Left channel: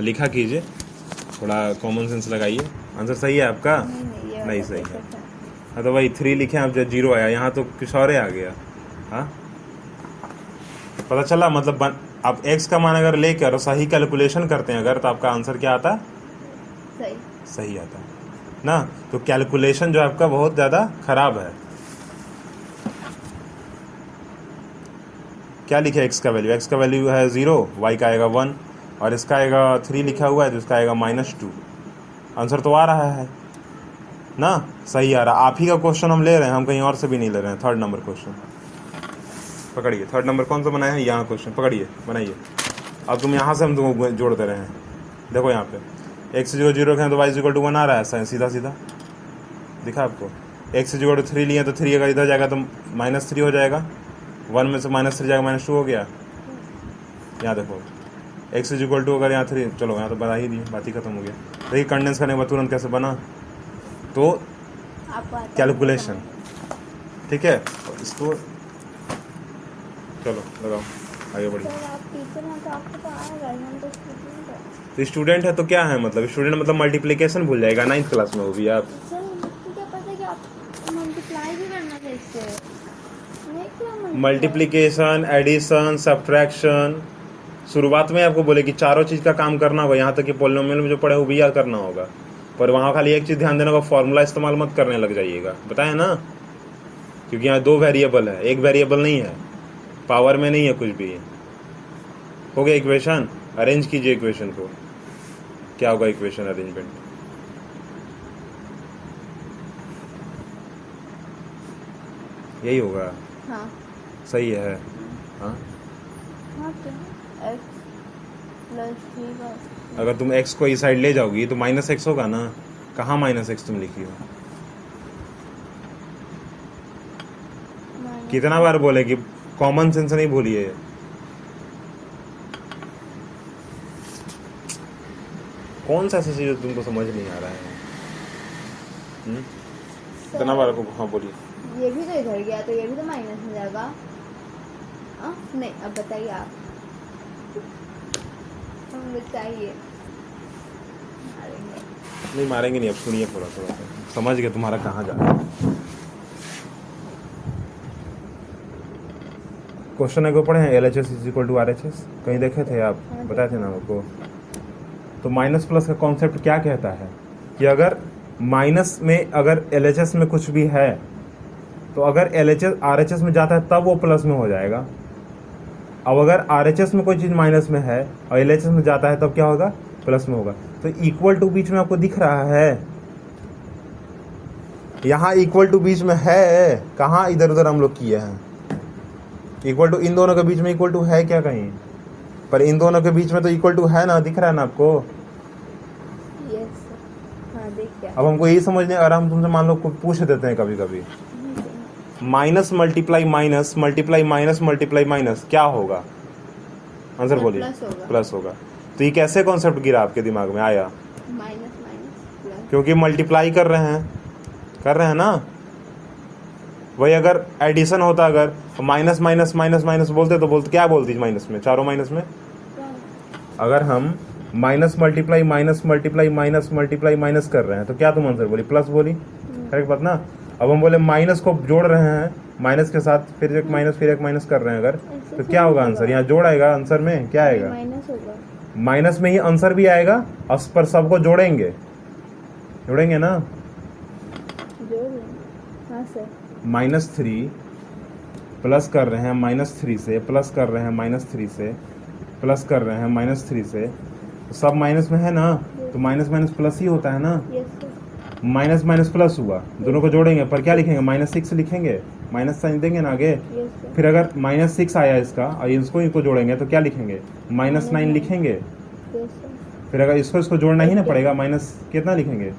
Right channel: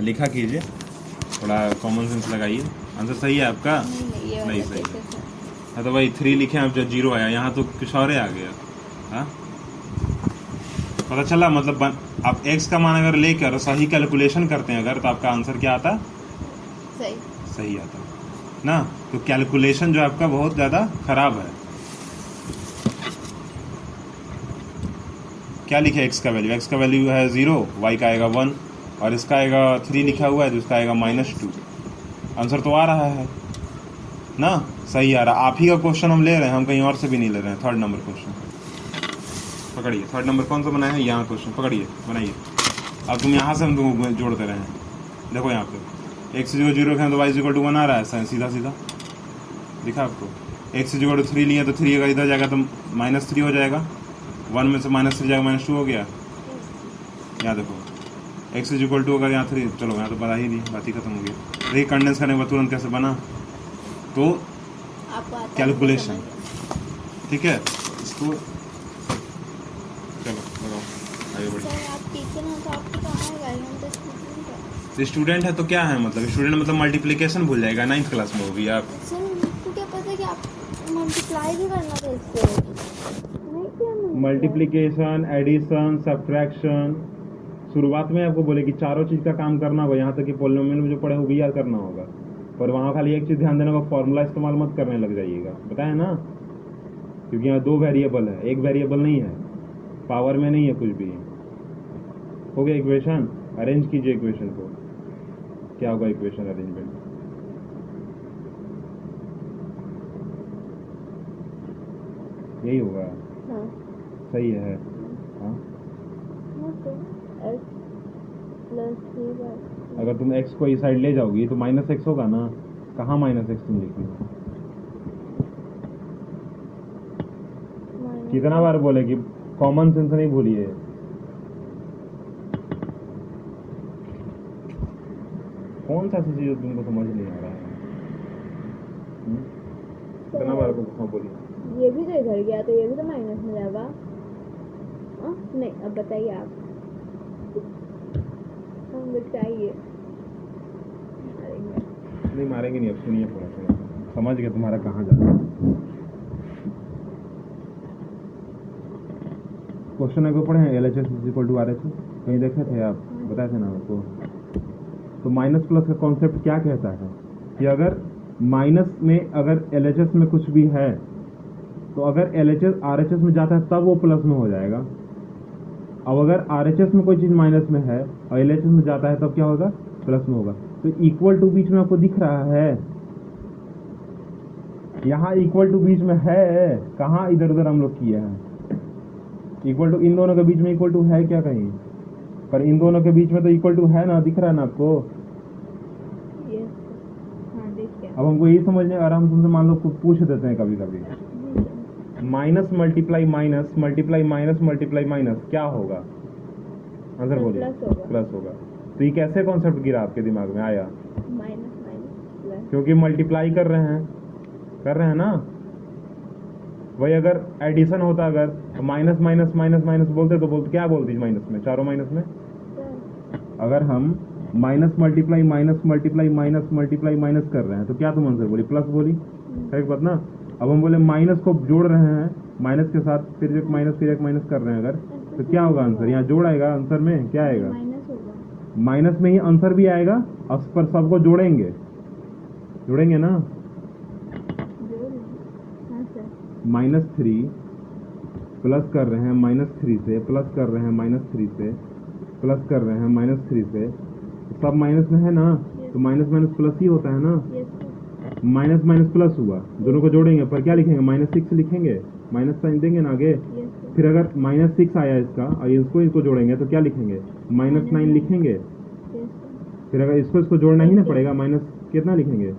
लिखा कीजिए, थोड़ा कॉमन सेंस लगाइए। आंसर सही है आपका? नहीं सही है। हाँ तो भाई 3 लिखे आप, जब 0 आया, यहाँ तो कुछ और ही आ गया। हाँ पता चला, मतलब आप x का मान अगर लेकर सही कैलकुलेशन करते हैं अगर, तो आपका आंसर क्या आता? सही सही आता ना। तो कैलकुलेशन जो आपका बहुत ज़्यादा खराब है। क्या लिखे x का वैल्यू? x का वैल्यू है 0, y का आएगा 1, और इसका आएगा 3 लिखा हुआ है, तो इसका आएगा -2। आंसर तो आ रहा है ना, सही आ रहा। आप ही का क्वेश्चन हम ले रहे हैं, हम कहीं और से भी नहीं ले रहे हैं। 3rd नंबर क्वेश्चन पकड़िए। 3rd नंबर कौन सा बनाए हैं? यहाँ क्वेश्चन पकड़िए, बनाइए। अब तुम यहाँ से हम तुमको जोड़ दे रहे हैं। देखो यहाँ पे x 0 0 रखें तो y = 1 आ रहा है, सीधा सीधा दिखा आपको। x = 3 लिए तो 3 अगर इधर जाएगा तो -3 हो जाएगा, 1 में से -3 जाएगा, -2 हो गया। यहाँ देखो x = अगर यहाँ 3, चलो यहाँ तो बता ही नहीं, बात ही खत्म हो गया। देखिए कंडेंस करने के बाद तुरंत कैसे बना, तो कैलकुलेशन। ठीक है, इसको चलो लगाओ, आगे बढ़ो। तो स्टूडेंट है तो क्या है, मतलब स्टूडेंट मतलब मल्टीप्लिकेशन भूल जाएगा 9th क्लास में, वो भी आप। सर मुझको क्या पता कि आप मल्टीप्लाई भी करना था इसको, नहीं किया मल्टीप्लिकेशन, एडिशन, सब्ट्रैक्शन, शुरुआत में आपको बोले कि चारों चीज़ का काम करना होगा, यहाँ तक कि पॉलिनोमियल में जो पढ़े वो भी याद करना होगा। पर वहाँ खाली एक चीज़ ध्यान देना होगा, फॉर्मूला इस्तेमाल मत करने लग जाइएगा, बताया ना, क्योंकि यहाँ 2 वेरिएबल है, एक वेरिएबल नहीं है, पावर में नहीं है कुछ भी। हो गया इक्वेशन? अरेंज कीजिए इक्वेशन को। क्या होगा इक्वेशन अरेंजमेंट? यही होगा। हाँ सही है। हाँ हाँ तो x + 3y। अगर तुम x को इस साइड ले जाओगी तो -x होगा ना। कहाँ -x तुम लिखी हो? कितना बार बोले कि कॉमन सेंस नहीं भूलिए। कौन सा ऐसा चीज तुमको समझ नहीं आ रहा है? कितना बार को हाँ बोलिए। ये भी तो इधर गया, तो ये भी तो माइनस में जाएगा। नहीं, अब बताइए आप, हम बताइए। नहीं मारेंगे नहीं, अब सुनिए थोड़ा थोड़ा, समझ गए तुम्हारा कहाँ जा रहा है। क्वेश्चन है को पढ़े हैं, LHS = RHS, कहीं देखे थे आप? बताए थे ना आपको। तो माइनस प्लस का कॉन्सेप्ट क्या कहता है कि अगर माइनस में अगर LHS में कुछ भी है, तो अगर LHS RHS में जाता है तब वो प्लस में हो जाएगा। अब अगर RHS में कोई चीज़ माइनस में है और LHS में जाता है तब क्या होगा? प्लस में होगा। तो इक्वल टू बीच में आपको दिख रहा है, यहाँ इक्वल टू बीच में है, कहाँ इधर उधर हम लोग किए हैं। इक्वल टू इन दोनों के बीच में इक्वल टू है क्या कहीं? पर इन दोनों के बीच में तो इक्वल टू है ना, दिख रहा है ना आपको? यस हाँ देखिए। अब हमको यही समझने, अगर हम तुमसे मान लो पूछ देते हैं कभी कभी, minus multiply minus multiply minus multiply minus क्या होगा? आंसर बोलिए। प्लस होगा। तो ये कैसे कॉन्सेप्ट गिरा आपके दिमाग में आया? माइनस माइनस प्लस, क्योंकि मल्टीप्लाई कर रहे हैं ना। वही अगर एडिशन होता, अगर माइनस माइनस माइनस माइनस बोलते तो बोलते क्या बोलती माइनस में, चारों माइनस में। अगर हम minus multiply minus multiply minus multiply minus कर रहे हैं तो क्या तुम आंसर बोली? प्लस बोली। करेक्ट बात ना। अब हम बोले माइनस को जोड़ रहे हैं, माइनस के साथ फिर एक माइनस फिर एक माइनस कर रहे हैं अगर, तो क्या होगा आंसर? यहाँ जोड़ आएगा आंसर में, क्या आएगा? माइनस होगा। माइनस में ही आंसर भी आएगा, और पर सबको जोड़ेंगे ना। हाँ सर। -3 प्लस कर रहे हैं -3 से, प्लस कर रहे हैं -3 से, प्लस कर रहे हैं -3 से, तो सब माइनस में है ना, तो माइनस माइनस प्लस ही होता है ना। माइनस माइनस प्लस हुआ, दोनों को जोड़ेंगे, पर क्या लिखेंगे? -6 लिखेंगे, माइनस साइन देंगे ना आगे। फिर अगर -6 आया इसका और इसको जोड़ेंगे तो क्या लिखेंगे? -9 लिखेंगे। फिर अगर इसको जोड़ना ही ना पड़ेगा, माइनस कितना लिखेंगे?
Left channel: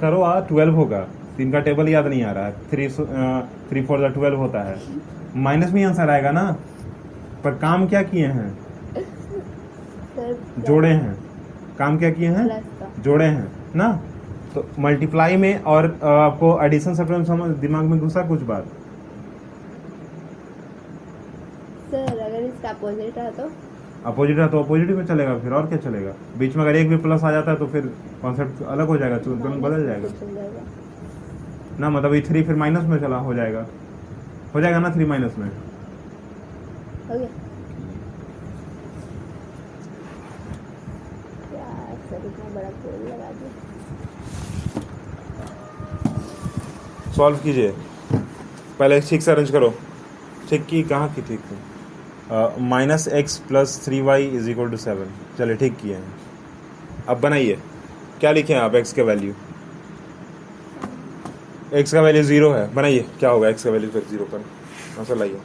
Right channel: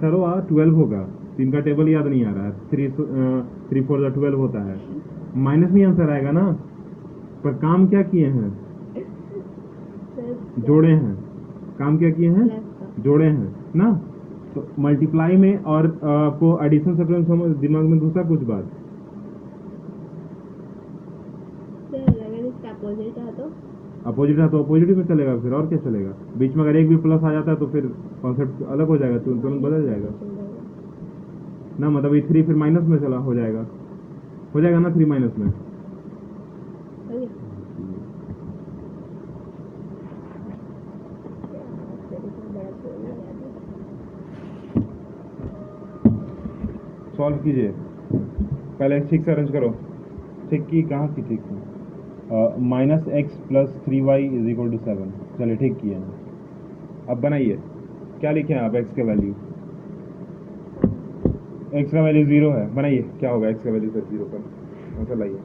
करो 12 होगा। 3 का टेबल याद नहीं आ रहा है। 3 4 12 होता है, माइनस में आंसर आएगा ना। पर काम क्या किए हैं? जोड़े हैं। काम क्या किए हैं? जोड़े हैं ना। तो मल्टीप्लाई में और आपको एडिशन सब्ट्रैक्शन समझ दिमाग में घुसा कुछ बात? सर अगर इसका अपोजिट है तो अपोजिट है तो अपोजिट में चलेगा, फिर और क्या चलेगा। बीच में अगर एक भी प्लस आ जाता है तो फिर कॉन्सेप्ट अलग हो जाएगा, तो तुरंत बदल जाएगा चल जाएगा। ना। मतलब ये 3 फिर माइनस में चला हो जाएगा ना, 3 माइनस में। हो गया यार, सर इतना बड़ा गोल लगा दिया। सॉल्व कीजिए पहले, ठीक से अरेंज करो। ठीक की कहाँ की ठीक थी? -x + 3y = 7। चलिए ठीक किए हैं। अब बनाइए, क्या लिखे हैं आप x का वैल्यू? x का वैल्यू 0 है, बनाइए क्या होगा x का वैल्यू तक 0 पर, आंसर लाइए।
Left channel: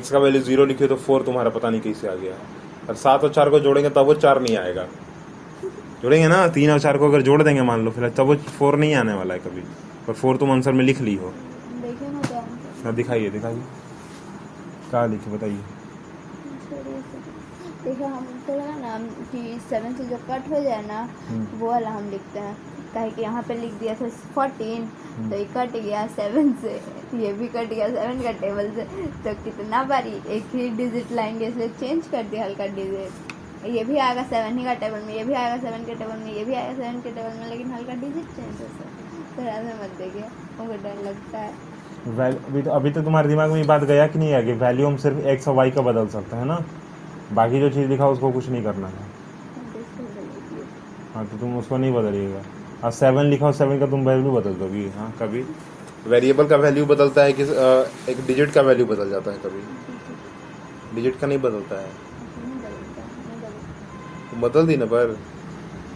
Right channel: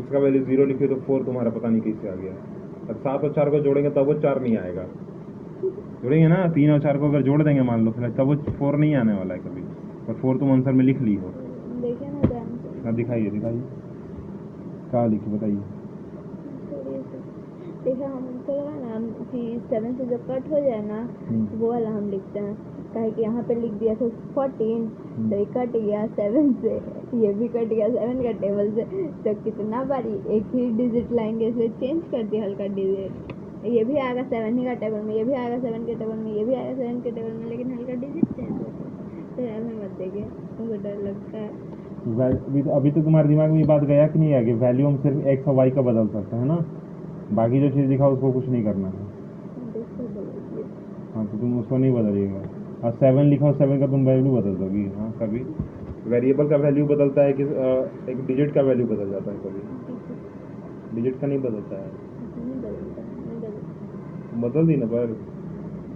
x का वैल्यू 0 लिखिए तो 4 तुम्हारा पता नहीं कैसे आ गया। और 7 और 4 को जोड़ेंगे तब वो 4 नहीं आएगा। जोड़ेंगे ना 3 और 4 को अगर जोड़ देंगे मान लो, फिर तब वो 4 नहीं आने वाला है कभी। और 4 तुम आंसर में लिख ली हो। देखिए ना क्या आंसर। हाँ दिखाइए क्या लिखे बताइए। देखिए हमको लगा ना कि 7 से जो कट हो जाए ना वो वाला हम लिखते हैं, काहे कि यहाँ पे लिख दिया था 14 तो ये कट गया 7 से, ये भी कट गया 7 का टेबल से, तो कितना बारी एक ही डिजिट लाएंगे, इसलिए चेंज कर दिया हल्का डिजिट। ये भी आएगा 7 ही का टेबल में, ये भी आएगा 7 के टेबल में, ये भी आएगा 7 के टेबल में, लेकिन हल्का डिजिट चेंज हो सकता। तो ऐसा मत देखिए, हमको डर लगता है। अभी तो तुम्हारे दिमाग में ये बात गया कि नहीं है कि वैल्यू हम सिर्फ x और y का बदल सकते हैं ना, बाकी जो चीज़ लिखा उसको कुछ नहीं करना है। हाँ तो तुम उसको नहीं बदलिएगा। हाँ 7 लिखा हो, 7 का तुम वैल्यू बदल दोगी। हाँ कभी वेरिएबल का वैल्यू बदलता है कि एक डिजिट का वैल्यू बदल जाता है, कभी डिजिट का नहीं बदलता है। बदल दी ना, पर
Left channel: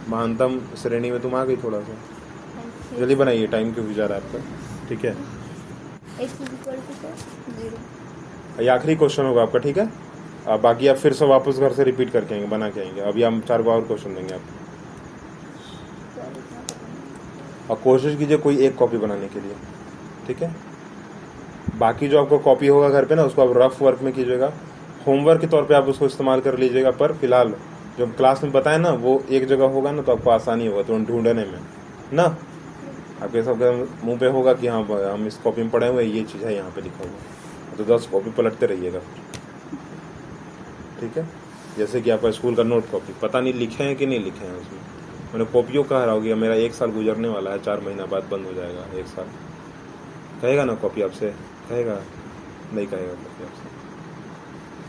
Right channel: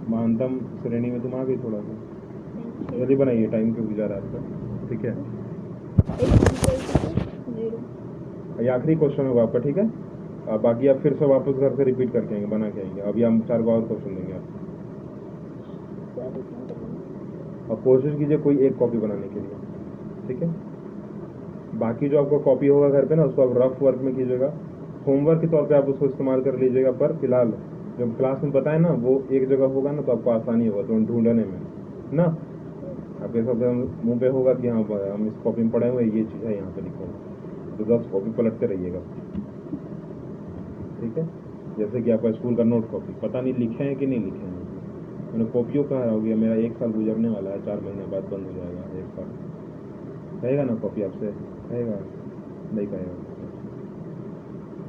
महानतम श्रेणी में तुम आ गई थोड़ा सा। जल्दी बनाइए, टाइम क्यों जा रहा है आपका। ठीक है, ये आखिरी क्वेश्चन होगा आपका, ठीक है। अब बाकी आप फिर से वापस घर से रिपीट करके आएंगे, बना के आएंगे। अभी हम 4 और क्वेश्चन देंगे आपको, और कोशिश कीजिए कोई एक कॉपी बनाने के लिए, ठीक है। बाकी जो आपको कॉपी होगा घर पे ना, उसको आप रफ वर्क में कीजिएगा, होमवर्क के तौर पे आप उसको इस्तेमाल कर लीजिएगा। पर फिलहाल जो क्लास में बताए ना वो एक जगह होगा ना, तो आपको आसानी होगा तो ढूंढने में ना। आपके सबके मुंह पे होगा कि हाँ हम इस कॉपी में पढ़े हुए, ये चीज़ है यहाँ पे लिखा हुआ, तो 10 कॉपी पलटते रहिएगा, ठीक है। जैसे कि आपका स्कूल का नोट कॉपी, पता नहीं लिखे हैं कि नहीं लिखे हैं उसमें। मैंने कॉपियों कहा रहा होगी, मेरा 1 साल गुजरने वाला है, 4 महीना बाद बंद हो जाएगा 1 साल। कहेगा ना कॉपी आपसे? कहेगा नहीं? कहेगा कॉपी आपसे?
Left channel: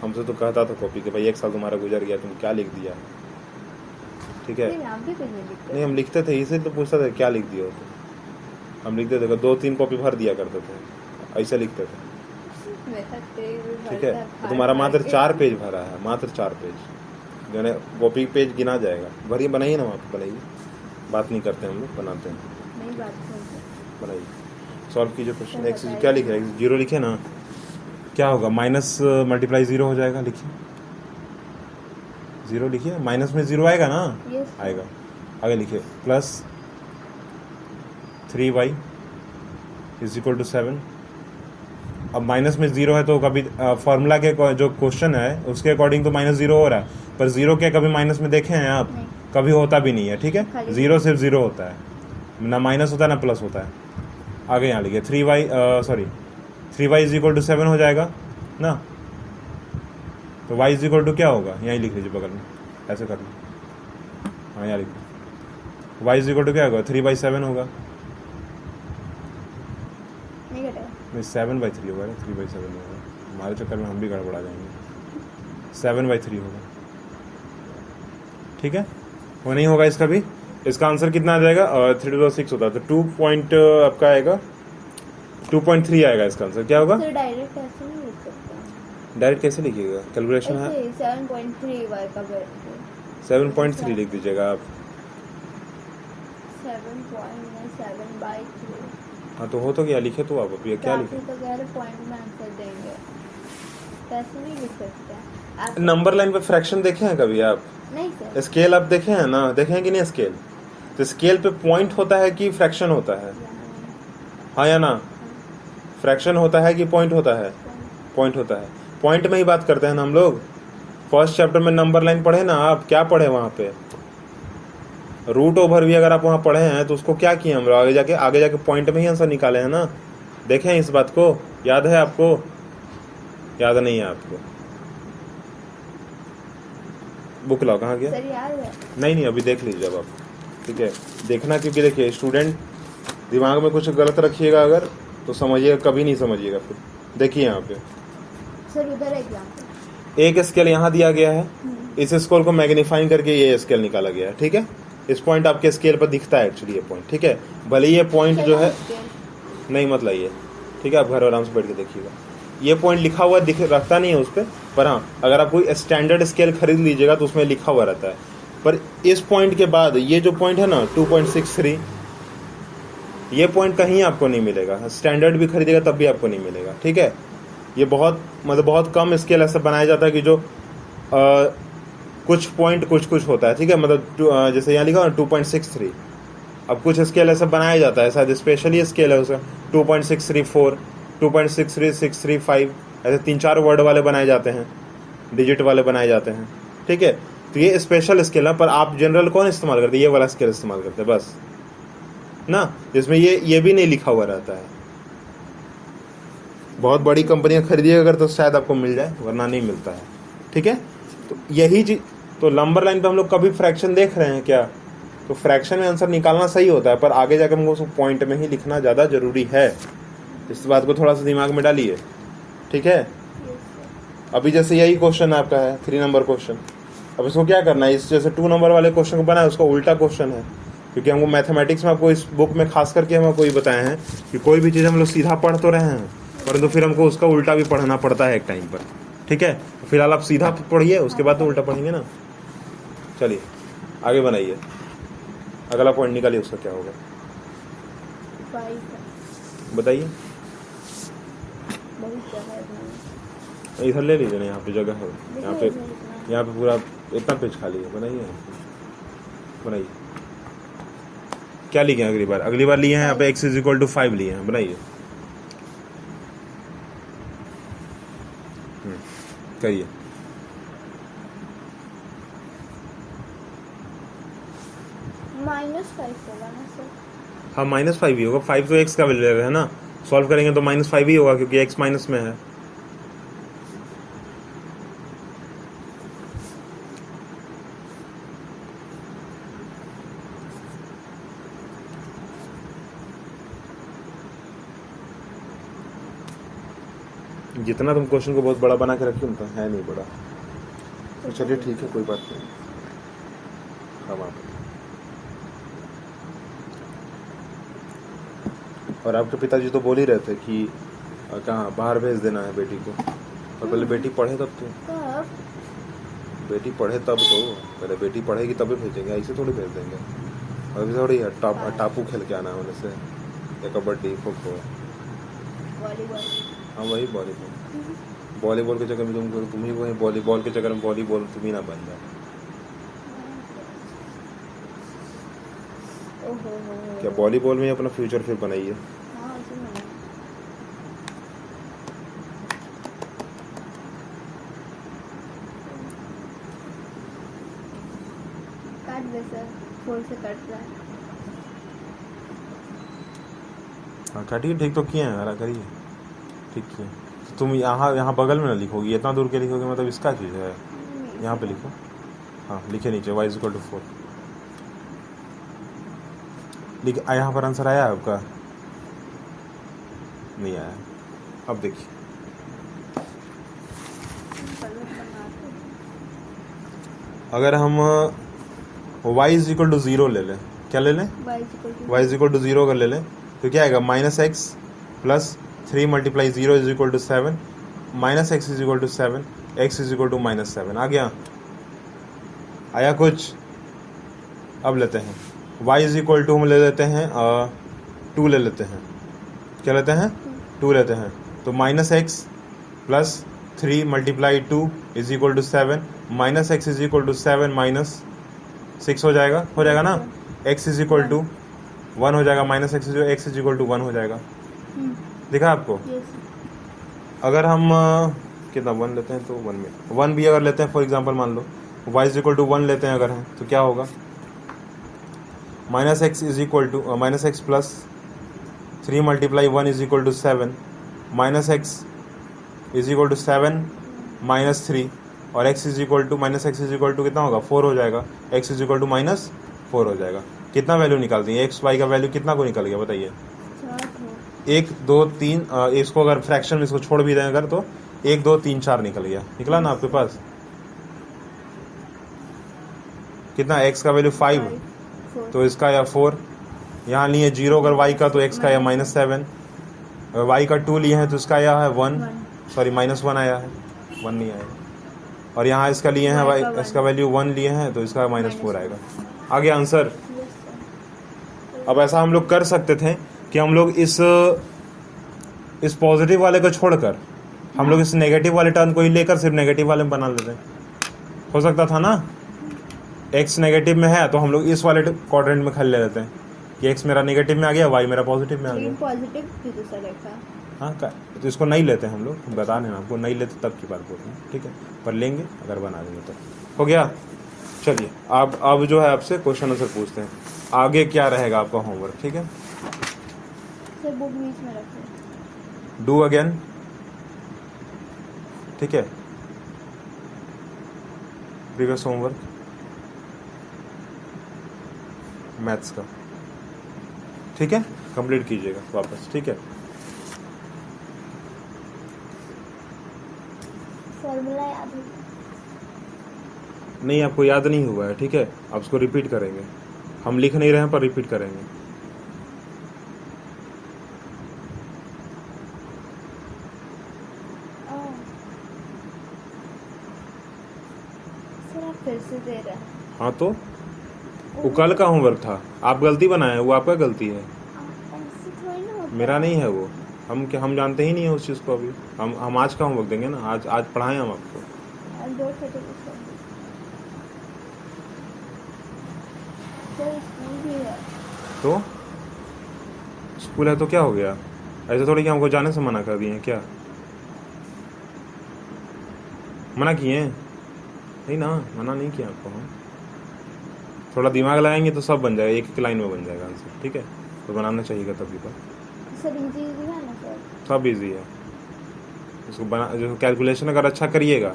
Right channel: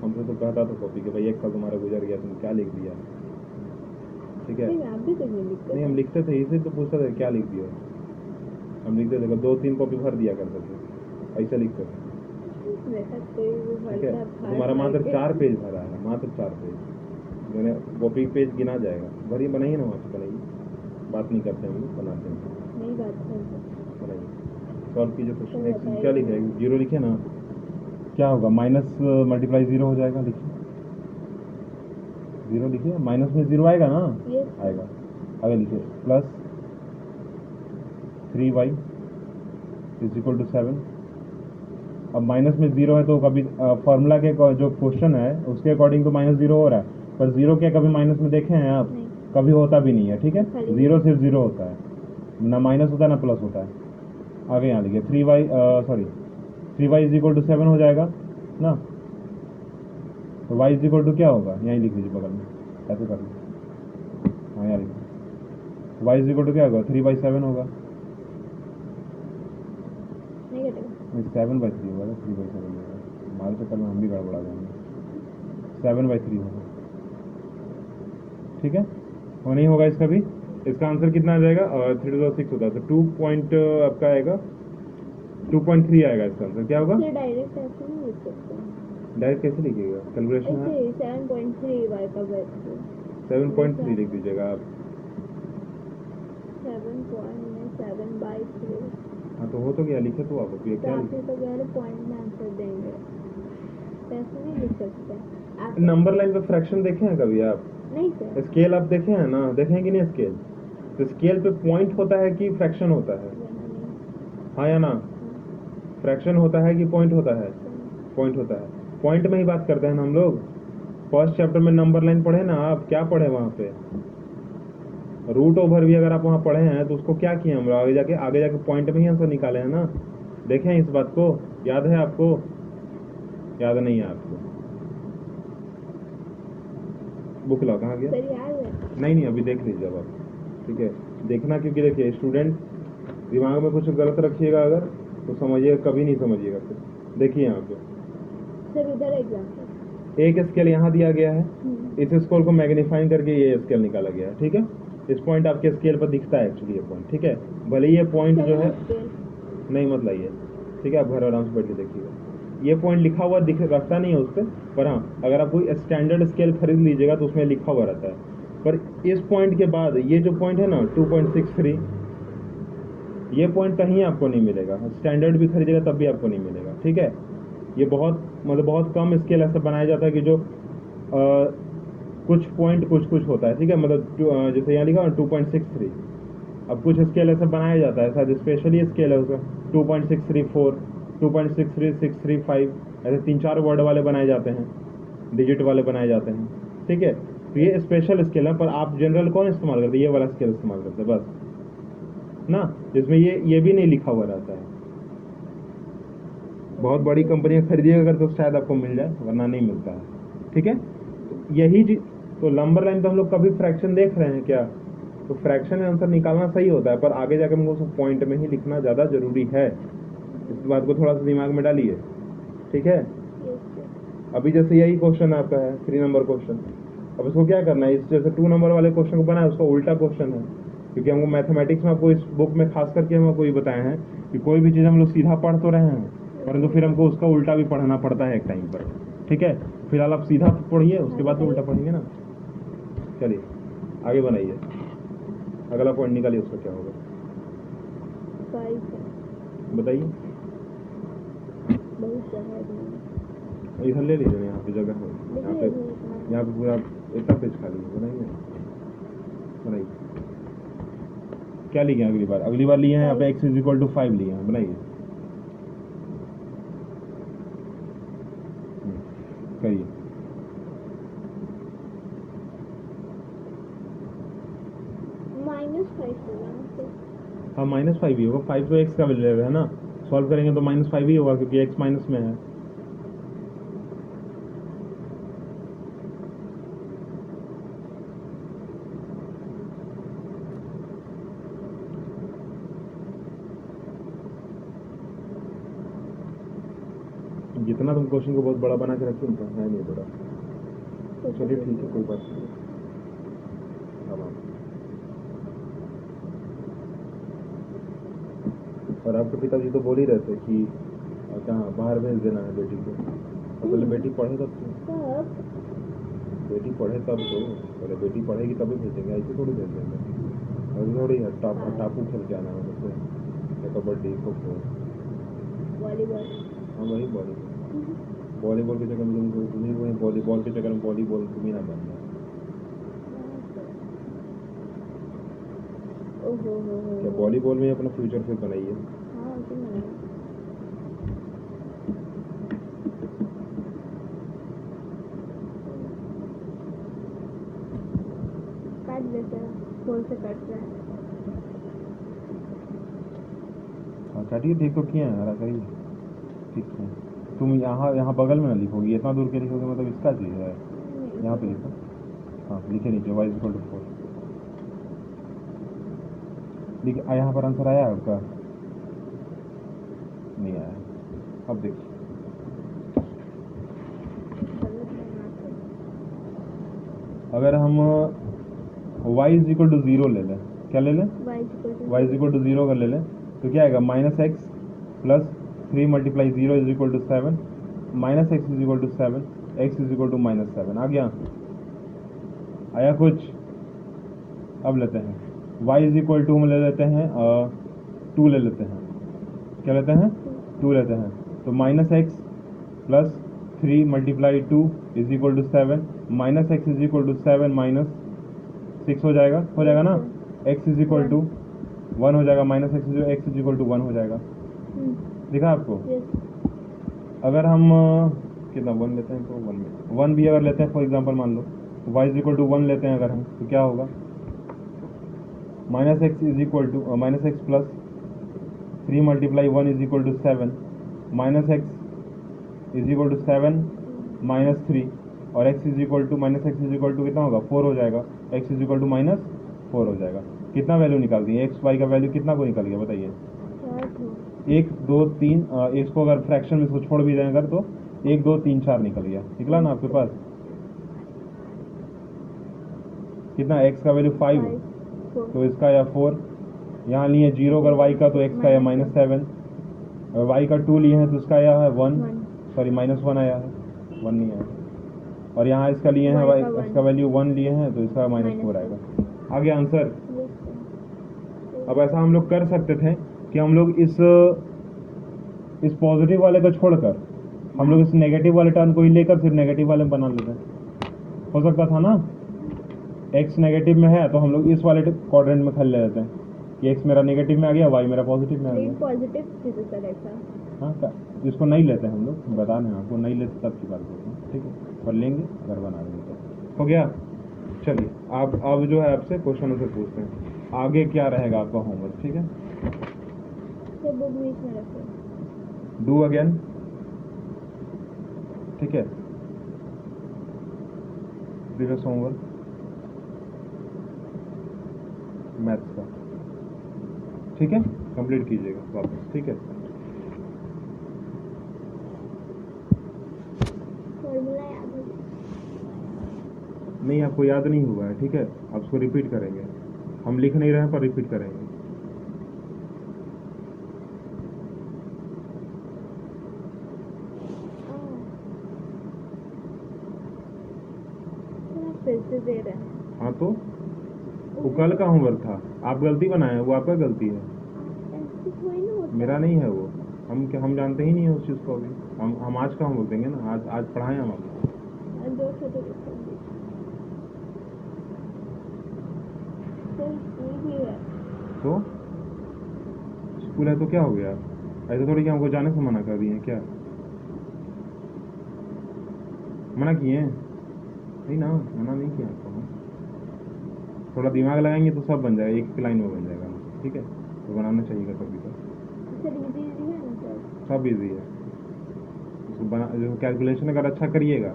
हमसे तो कहता था कॉपी कि भाई 1 साल तुम्हारा गुजर गया, तुम क्या लिख दिया, ठीक है। नहीं हम लिखते थे, इसे तो पूछता था क्या लिख दिया। हम लिखते थे 2-3 कॉपी भर दिया करते थे, ऐसे लिखते थे, ठीक है। तुम्हारा मात्र 4 पेज भरा है, मात्र 4 पेज, यानी कॉपी पेज गिना जाएगा। भरिए, बनाइए ना, वहाँ पर बनाइए, बात नहीं करते हम लोग, बनाते हैं। बनाइए, सॉल्व कीजिए क्वेश्चन। एक्स क्या लिख रहे हैं? 0 लिखे ना, क्या होगा? माइनस मल्टीप्लाई 0 हो जाएगा। लिखिए 0 लिखिए, माइनस में 0 आएगा ना, आएगा। आगे लिखिए +3y = 7। अब माइनस में 0 है तो कभी फॉर्मूला के जो क्वेश्चन है उसके अकॉर्डिंग तो -0 हो रहा है, पर 0 क्या कभी माइनस में देखे हैं आप? कभी होता भी नहीं है, ठीक है। 0 सिर्फ 0 होता है, ना माइनस होता है ना प्लस होता है। आगे यहाँ लिखिए 3y = 7 हो जाएगा ना, तो y = क्या होगा? यहीं लिख लीजिए बगल में, ऐसे कर लीजिए। हाँ यहाँ लिखिए y = क्या होगा? 3/7 होगा। नहीं 7/3 होगा, 3/7 होगा। हमारे चक्कर में हम भी गड़बड़ा जाएंगे। 7/3 होगा, ठीक है। वो नहीं होगा इसका भी। इसका आंसर कितना आ जाएगा? 3 to 6 होता है, तो 2 आपका आएगा 2.3 आएगा इसका आंसर। क्या होगा? डायरेक्ट ऐसे नहीं लिख सकते। डायरेक्ट कैसे लिखिएगा? कैलकुलेशन है 7.3 y का 7.3 लिख दीजिएगा आप। 7.7/3। हाँ तो हो तो गया, लिखे तो आप अभी क्या लिखे? तो कह रहे पॉइंट में आंसर देंगे, कैसे नहीं लिख सकते आप? नंबर लाइन पे फ्रैक्शन देखे हैं कभी आप? नहीं सर। स्केल आप देखे हैं ना? देखे हैं कि नहीं स्केल? तो स्केल पे पॉइंट होता है कि फ्रैक्शन होता है? हाँ या ना? फ्रैक्शन होता है कि पॉइंट होता है? पॉइंट होता है। पॉइंट में ही बात करते हैं ना हम लोग। फर्स्ट चैप्टर में नंबर लाइन पढ़े ना आप? क्या पढ़े वहाँ पे? रूट ओवर भी अगर आप वहाँ पढ़े हैं तो उसको क्या किए हम लोग? आगे जाके पॉइंट में ही आंसर निकाले हैं ना। देखें इस बात को, याद है आपको? याद नहीं है आपको? बुक लाओ, कहाँ गया? सर याद है? नहीं नहीं, अभी देख लीजिए जब आप, ठीक है, देखना, क्योंकि देखिए स्टूडेंट दिमाग में कुछ गलत रखिएगा अगर तो समझिएगा, कभी नहीं समझिएगा फिर। देखिए यहाँ पे सर उधर एग्जाम्पल, एक स्केल यहाँ दिया गया है, इस स्केल को मैग्नीफाइंग करके ये स्केल निकाला गया है, ठीक है। इस पॉइंट आपके स्केल पर दिखता है एक्चुअली, ये पॉइंट, ठीक है। भले ये पॉइंट जो है नहीं मत लाइए, ठीक है, आप घर आराम से बैठ के देखिएगा। ये पॉइंट लिखा हुआ दिख रखता नहीं है उस पर हाँ, अगर आप कोई स्टैंडर्ड स्केल खरीद लीजिएगा तो उसमें लिखा हुआ रहता है। पर इस पॉइंट के बाद ये जो पॉइंट है ना 2.63, ये पॉइंट कहीं आपको नहीं मिलेगा, स्टैंडर्ड भी खरीदेगा तब भी आपको नहीं मिलेगा, ठीक है। ये बहुत मतलब बहुत कम स्केल ऐसा बनाया जाता है कि जो कुछ पॉइंट कुछ होता है, ठीक है, मतलब जैसे यहाँ लिखा ना 2.63, अब कुछ स्केल ऐसा बनाया जाता है, शायद स्पेशली स्केल है उसका 2.634, 2.63635, ऐसे 3-4 वर्ड वाले बनाए जाते हैं, डिजिट वाले बनाए जाते हैं, ठीक है। तो ये स्पेशल स्केल है, पर आप जनरल कौन इस्तेमाल करते हैं? ये वाला स्केल इस्तेमाल करते हैं बस ना, जिसमें ये भी नहीं लिखा हुआ रहता है। बहुत बड़ी कंपनियां खरीदिएगा अगर तो शायद आपको मिल जाए, वरना नहीं मिलता है, ठीक है। तो यही चीज, तो नंबर लाइन पे हम लोग कभी फ्रैक्शन देख रहे हैं क्या? तो फ्रैक्शन में आंसर निकालना सही होता है, पर आगे जाकर हमको उसको पॉइंट में ही लिखना ज़्यादा जरूरी है। इस बात को थोड़ा सा दिमाग में डालिए, ठीक है। अभी जैसे यही क्वेश्चन आपका है 3 नंबर क्वेश्चन, अब इसको क्या करना है, इस जैसे 2 नंबर वाले क्वेश्चन को बनाया उसका उल्टा क्वेश्चन है, क्योंकि हमको मैथमेटिक्स में आपको इस बुक में खास करके हमको ये बताया है कि कोई भी चीज़ हम लोग सीधा पढ़ तो रहे हैं, परंतु फिर हमको उसका उल्टा भी पढ़ना पड़ता है एक टाइम पर, ठीक है। फिलहाल आप सीधा पढ़िए, उसके बाद तो उल्टा पढ़ेंगे ना। चलिए आगे बनाइए, अगला पॉइंट निकालिए, उसका क्या होगा बताइए। इधर ले लीजिए ना, यहाँ पे जगह है, यहाँ पे पूरा इतना पेज खाली है, बनाइए। क्या लिए हैं अगली बार लिए हैं यहाँ पे x = 5 लिए हैं, बनाइए, करिए। -5 होगा ना सर? हाँ -5 ही होगा, 5 तो x का वैल्यू है ना, सॉल्व करेंगे तो -5 ही होगा क्योंकि x माइनस में है। जितना तुम क्वेश्चन को बहुत बड़ा बना के रखे उतना है नहीं बड़ा, चलिए ठीक है, कोई बात नहीं। और आपके पिताजी तो बोल ही रहे थे कि कहाँ बाहर भेज देना है बेटी को, तो पहले बेटी पढ़े तब तो, बेटी पढ़े तब तो, पहले बेटी पढ़ेगी तभी भेजेंगे, ऐसे थोड़ी भेज देंगे। अभी थोड़ी टापू खेल के आना है होने से, या कबड्डी खो खो, वॉलीबॉल, हाँ वही वॉलीबॉल के चक्कर में तुम ही वही वॉलीबॉल के चक्कर में वॉलीबॉल तुम ही ना बन जाए। क्या वॉलीबॉल में अपना फ्यूचर फिर बनाइए। काट दे सर, 4 से कट रहा है। हाँ काटिए, ठीक तो किए हैं, हरा करिए, ठीक किए। तो तुम यहाँ बगल में ना लिखोगी, इतना दूर के लिखोगे, मतलब इसका चीज़ है, यहाँ पे लिखो, हाँ लिखे नीचे y = 4 लिख। यहाँ पर आंसर आया आपका? नहीं आया। अब देखिए, अगर हम y = 0 ले लें, क्या ले लें? y = 0 कर ले लें तो क्या आएगा? -x + 3 × 0 = 7, -x = 7, x = -7 आ गया? आया कुछ? अब लेते हैं y = हम ले लेते हैं 2 ले लेते हैं, क्या लेते हैं? 2 लेते हैं, तो -x + 3 × 2 = 7, -x = 7 - 6 हो जाएगा ना। x = 1 हो जाएगा, -x = 1 हो जाएगा, दिखा आपको? अगर हम कितना 1 लेते हैं तो 1 में 1 भी अगर लेते हैं, फॉर एग्जांपल मान लो y = 1 लेते हैं अगर हम, तो क्या होगा? -x + 3 × 1 = 7, -x = 7 - 3, और x is equal to minus X is equal to कितना होगा 4 हो जाएगा, x is equal to minus 4 हो जाएगा। कितना वैल्यू निकालती है एक्स वाई का वैल्यू कितना को निकल गया बताइए? 1 2 3 इसको अगर फ्रैक्शन में इसको छोड़ भी दें अगर तो 1 2 3 4 निकल गया, निकला ना आपके पास? कितना x का वैल्यू 5 तो इसका या 4, यहाँ लिए 0 अगर y का तो x का या -7, अगर y का 2 लिए हैं तो इसका आया है 1, सॉरी -1 आया है, 1 नहीं आएगा। और यहाँ इसका लिए हैं y इसका वैल्यू 1 लिए हैं तो इसका -4 आएगा। आ गया आंसर। अब ऐसा हम लोग कर सकते थे कि हम लोग इस पॉजिटिव वाले को छोड़कर हम लोग इस नेगेटिव वाले टर्म को ही लेकर सिर्फ नेगेटिव वाले में बना लेते, हो सकता था ना? x नेगेटिव में है तो हम लोग इस वाले क्वाड्रेंट में खाली ले लेते हैं कि x मेरा नेगेटिव में आ गया, y मेरा पॉजिटिव में आ गया। पॉजिटिव भी तो सर था। हाँ तो इसको नहीं लेते हम लोग, बता देना आपको, नहीं लेते तब की बात बोलते हैं, ठीक है? पर लेंगे अगर बना देंगे तो हो गया। चलिए आप अब जो है आपसे क्वेश्चन आंसर पूछते हैं, आगे क्या रहेगा आपका होमवर्क, ठीक है? सर बुक बीच में रखो। डू अगेन, ठीक है? प्रीवियस होमवर्क मैथ्स का, ठीक है? कंप्लीट कीजिएगा वापस, ठीक है? फॉर्मूला याद है? नहीं आपको याद नहीं हुआ है, ठीक है? आप उसको रिपीट करेंगे, हम लिख नहीं रहे हैं पर रिपीट करेंगे। सर आप फिर से दे रहे हैं। हाँ तो वो कल का होमवर्क था, आप गलती बनाए, वो आपका गलती है, ऐसे थोड़ी ना होता मेरा नहीं है वो। हम जानते ही नहीं है उस चीज़ को अभी। हम आज का होमवर्क देंगे ना, आज पढ़ाएं हम आपको। दो छोटे सर स्कूल भी है तो स्कूल है तो क्या हो गया? ऐसे थोड़ी कि हमको जाने से मना कर दिए हैं क्या? मना किए हैं? नहीं ना, मना नहीं किया आपको हम। थोड़ा दिमाग लगाएंगे तो सब बन जाएगा, एक लाइन में बन जाएगा आंसर, ठीक है? तो बनाना चाहिए तभी तो। सर इजी है ना सर? सब इजी है, उसको बना जो कैलकुलेशन अगर अच्छा करिएगा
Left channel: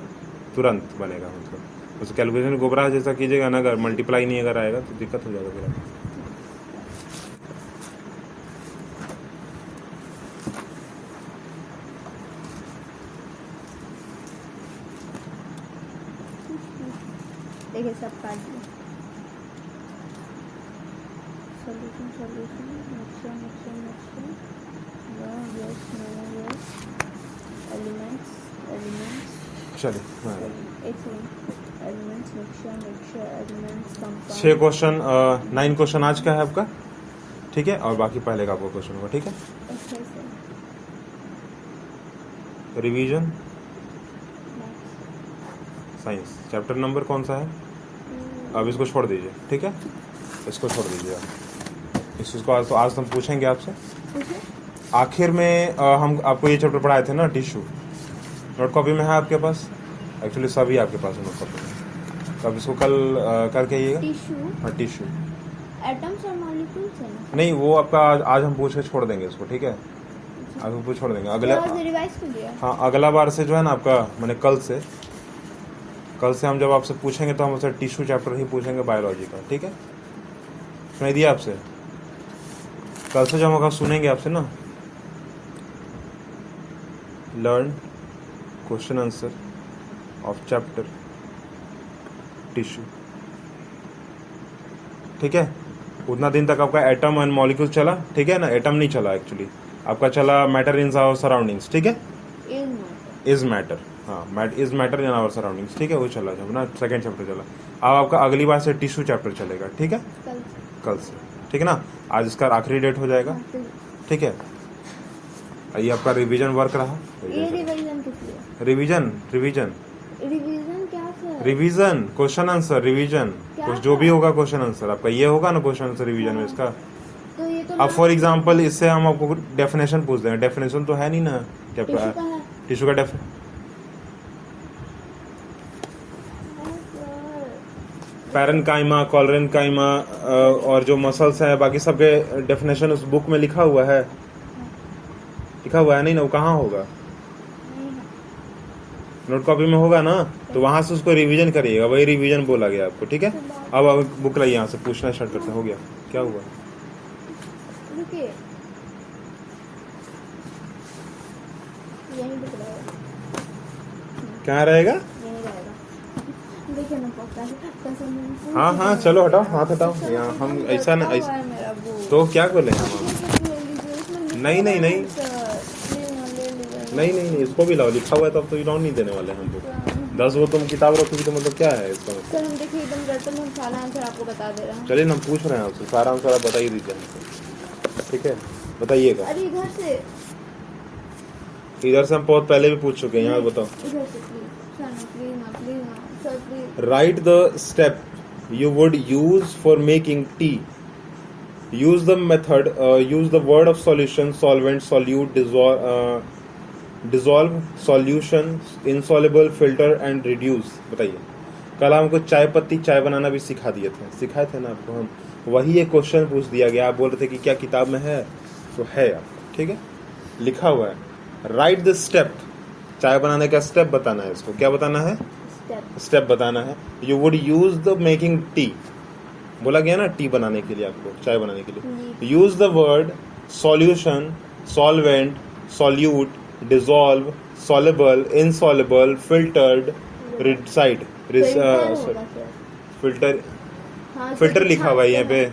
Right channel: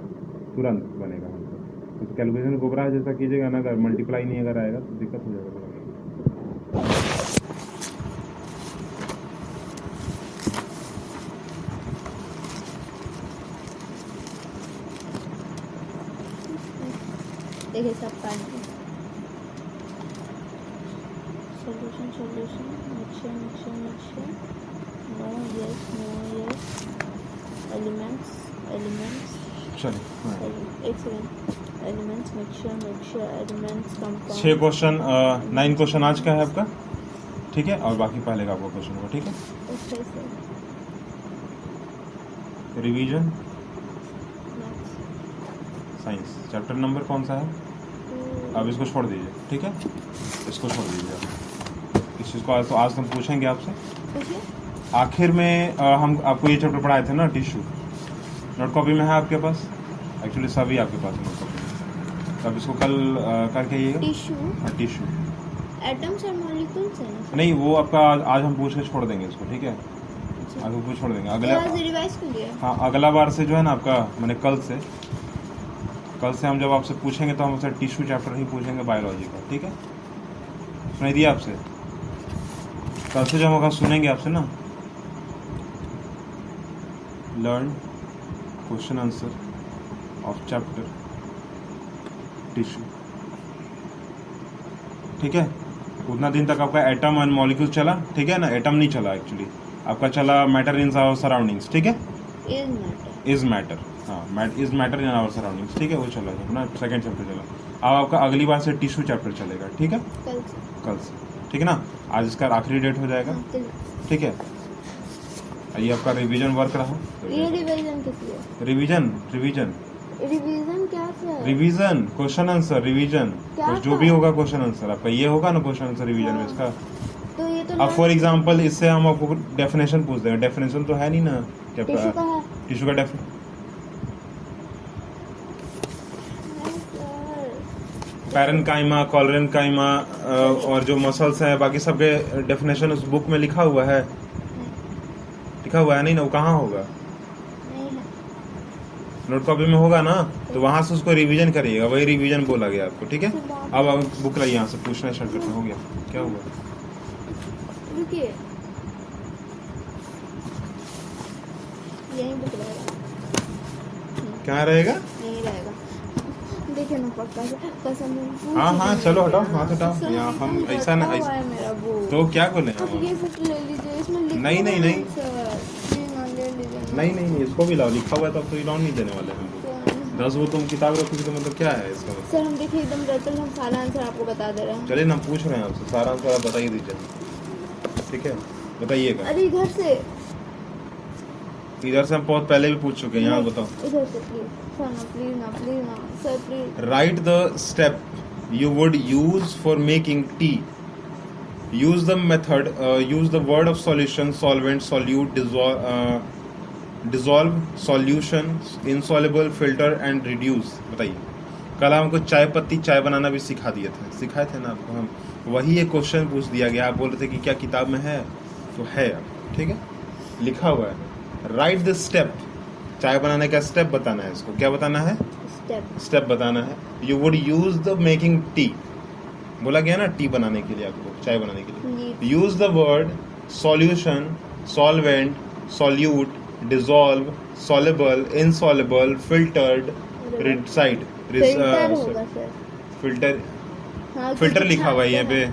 तुरंत बनेगा, मतलब उस कैलकुलेशन गोबरा जैसा कीजिएगा ना, अगर मल्टीप्लाई नहीं अगर आएगा तो दिक्कत हो जाएगा। देखिए सब काट दिए। Solution mixture no yes elements चलो एक second. Elements mixture elements compound. 6 question 9 question आज का है आपका, ठीक है? और बाकी पहले का आपका क्वेश्चन होगा, ठीक है? अच्छा sir. Revision science chapter number कौन सा है? अब इसको छोड़ दीजिए, ठीक है? इसको छोड़ दीजिए आप। इस चीज़ को आज हम पूछेंगे आपसे आखिर में। हम आपको ये चैप्टर पढ़ाए थे ना, टिश्यू। नोट कॉपी में है आपके पास? एक्चुअली सभी आपके पास है नोट कॉपी में। तो अब इसको कल करके आइएगा। टिश्यू? हाँ टिश्यू। एटम्स और मॉलिक्यूल्स है ना? नहीं वो आपका आज हम पूछ के छोड़ देंगे इसको, ठीक है? आज हम पूछ छोड़ देंगे अगला। रिवाइज कर दिया? हाँ अगला बार से जो है ना आपका, मैंने कल से हम जब आपसे पूछेंगे तो हम आपसे टिश्यू चैप्टर ही पूछेंगे बायोलॉजी का, ठीक है? सुनाई दिया आपसे? कल से जब हम सुनेंगे आपसे ना, learn question answer of chapter tissue, ठीक है? उतना दिन तक आपका एटम एंड मॉलिक्यूल चला, ठीक है ना? एटम नहीं चला एक्चुअली, आपका चला मैटर इन आवर सराउंडिंग्स, ठीक है? इज मैटर, हाँ is matter in our surroundings, ठीक है? वो चला जब ना सेकेंड चैप्टर चला। अब आपका अगली बार से टिश्यू चैप्टर चलेगा, ठीक है? कल से, ठीक है ना? आज इसका आखिरी डेट हो जाएगा, ठीक है? ये आपका रिवीजन वर्क रहा। ये रिवीजन किस लिए? रिवीजन क्या sir? Revision question answer, revision जो भी होगा क्वेश्चन आंसर आपका ये होगा ना क्वेश्चन आंसर रिवीजन में इसका। तो ये तो अब फॉर एग्जांपल इससे हम आपको डेफिनेशन पूछ देंगे, डेफिनेशन तो है नहीं ना क्या? टिश्यू का पैरेन्काइमा, कॉलरेन्काइमा और जो मसल्स हैं बाकी सब के डेफिनेशन उस बुक में लिखा हुआ है नहीं ना? वो कहाँ होगा? नोट कॉपी में होगा ना, तो वहां से उसको रिवीजन करिएगा, वही रिवीजन बोला गया आपको, ठीक है। अब बुक लाइए यहाँ से, पूछना स्टार्ट करते हैं। हो गया, क्या हुआ? रुकिए, यहीं बुक रहेगा, क्या रहेगा? यहीं रहेगा। देखिए ना पक्का से कसम से। हाँ हाँ, चलो हटाओ, हाथ हटाओ यहाँ, हम ऐसा नहीं हुआ ऐसा। है मेरा बुक। तो क्या बोले हम? ये सब ले लीजिए, इसमें लिखा नहीं, नहीं, हुआ है नहीं। सर, प्लीज ना ले लीजिए। नहीं नहीं नहीं, इसको भी लाओ, लिखा हुआ है तब तो रिटर्न नहीं देने वाले हम लोग। 10 वो तुम किताब रखोगी तो मतलब क्या है इसका? सर हम देखिए एकदम रटल, हम सारा आंसर आपको बता दे रहे हैं। चलिए ना, हम पूछ रहे हैं आपसे, सारा आंसर आप बता ही दीजिए हमको, ठीक है, बताइएगा। अरे इधर से, इधर से हम बहुत पहले भी पूछ चुके हैं, यहाँ बताओ। इधर से प्लीज सर, ना प्लीज ना, प्लीज ना sir, please. Right the step you would use for making tea. Use the method, use the word of solution, solvent, solute, dissolve, solution, insoluble, filter and reduce। बताइए, कल हमको चाय पत्ती चाय बनाना भी सिखाए थे ना आपको हम, वही एक क्वेश्चन पूछ दिया गया, आप बोल रहे थे कि क्या किताब में है, तो है आपको, ठीक है, लिखा हुआ है। राइट द स्टेप, चाय बनाने का स्टेप बताना है, इसको क्या बताना है? स्टेप बताना है। You would use the making tea, बोला गया ना टी बनाने के लिए, आपको चाय बनाने के लिए। Use the word solution, solvent, solute, dissolve, soluble, insoluble, filtered, residue, filter, filter लिखा हुआ है यहाँ पे,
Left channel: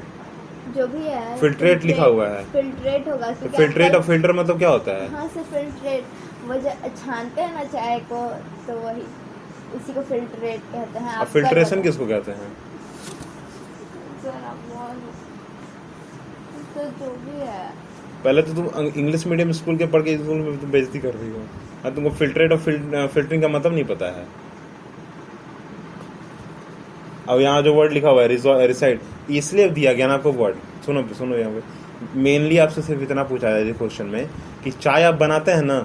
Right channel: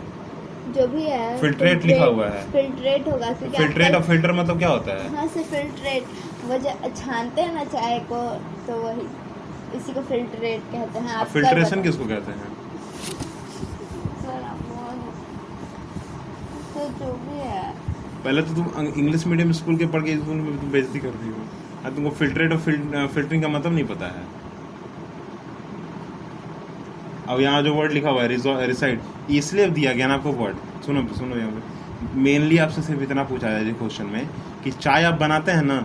जो भी है फिल्ट्रेट लिखा हुआ है। फिल्ट्रेट होगा। फिल्ट्रेट और फिल्टर मतलब क्या होता है? हाँ से फिल्ट्रेट, वो छानते हैं ना चाय को, तो वही इसी को फिल्ट्रेट कहते हैं। अब फिल्ट्रेशन किसको कहते हैं? तो जो भी है, पहले तो तुम इंग्लिश मीडियम स्कूल के पढ़ के स्कूल में तुम बेइज्जती कर रही हो, अब तुमको फिल्ट्रेट और फिल्टरिंग का मतलब नहीं पता है। अब यहाँ जो वर्ड लिखा हुआ है रिसाइड, इसलिए दिया गया ना आपको वर्ड। सुनो सुनो, यहाँ पे मेनली आपसे सिर्फ इतना पूछा जाए क्वेश्चन में कि चाय आप बनाते हैं ना,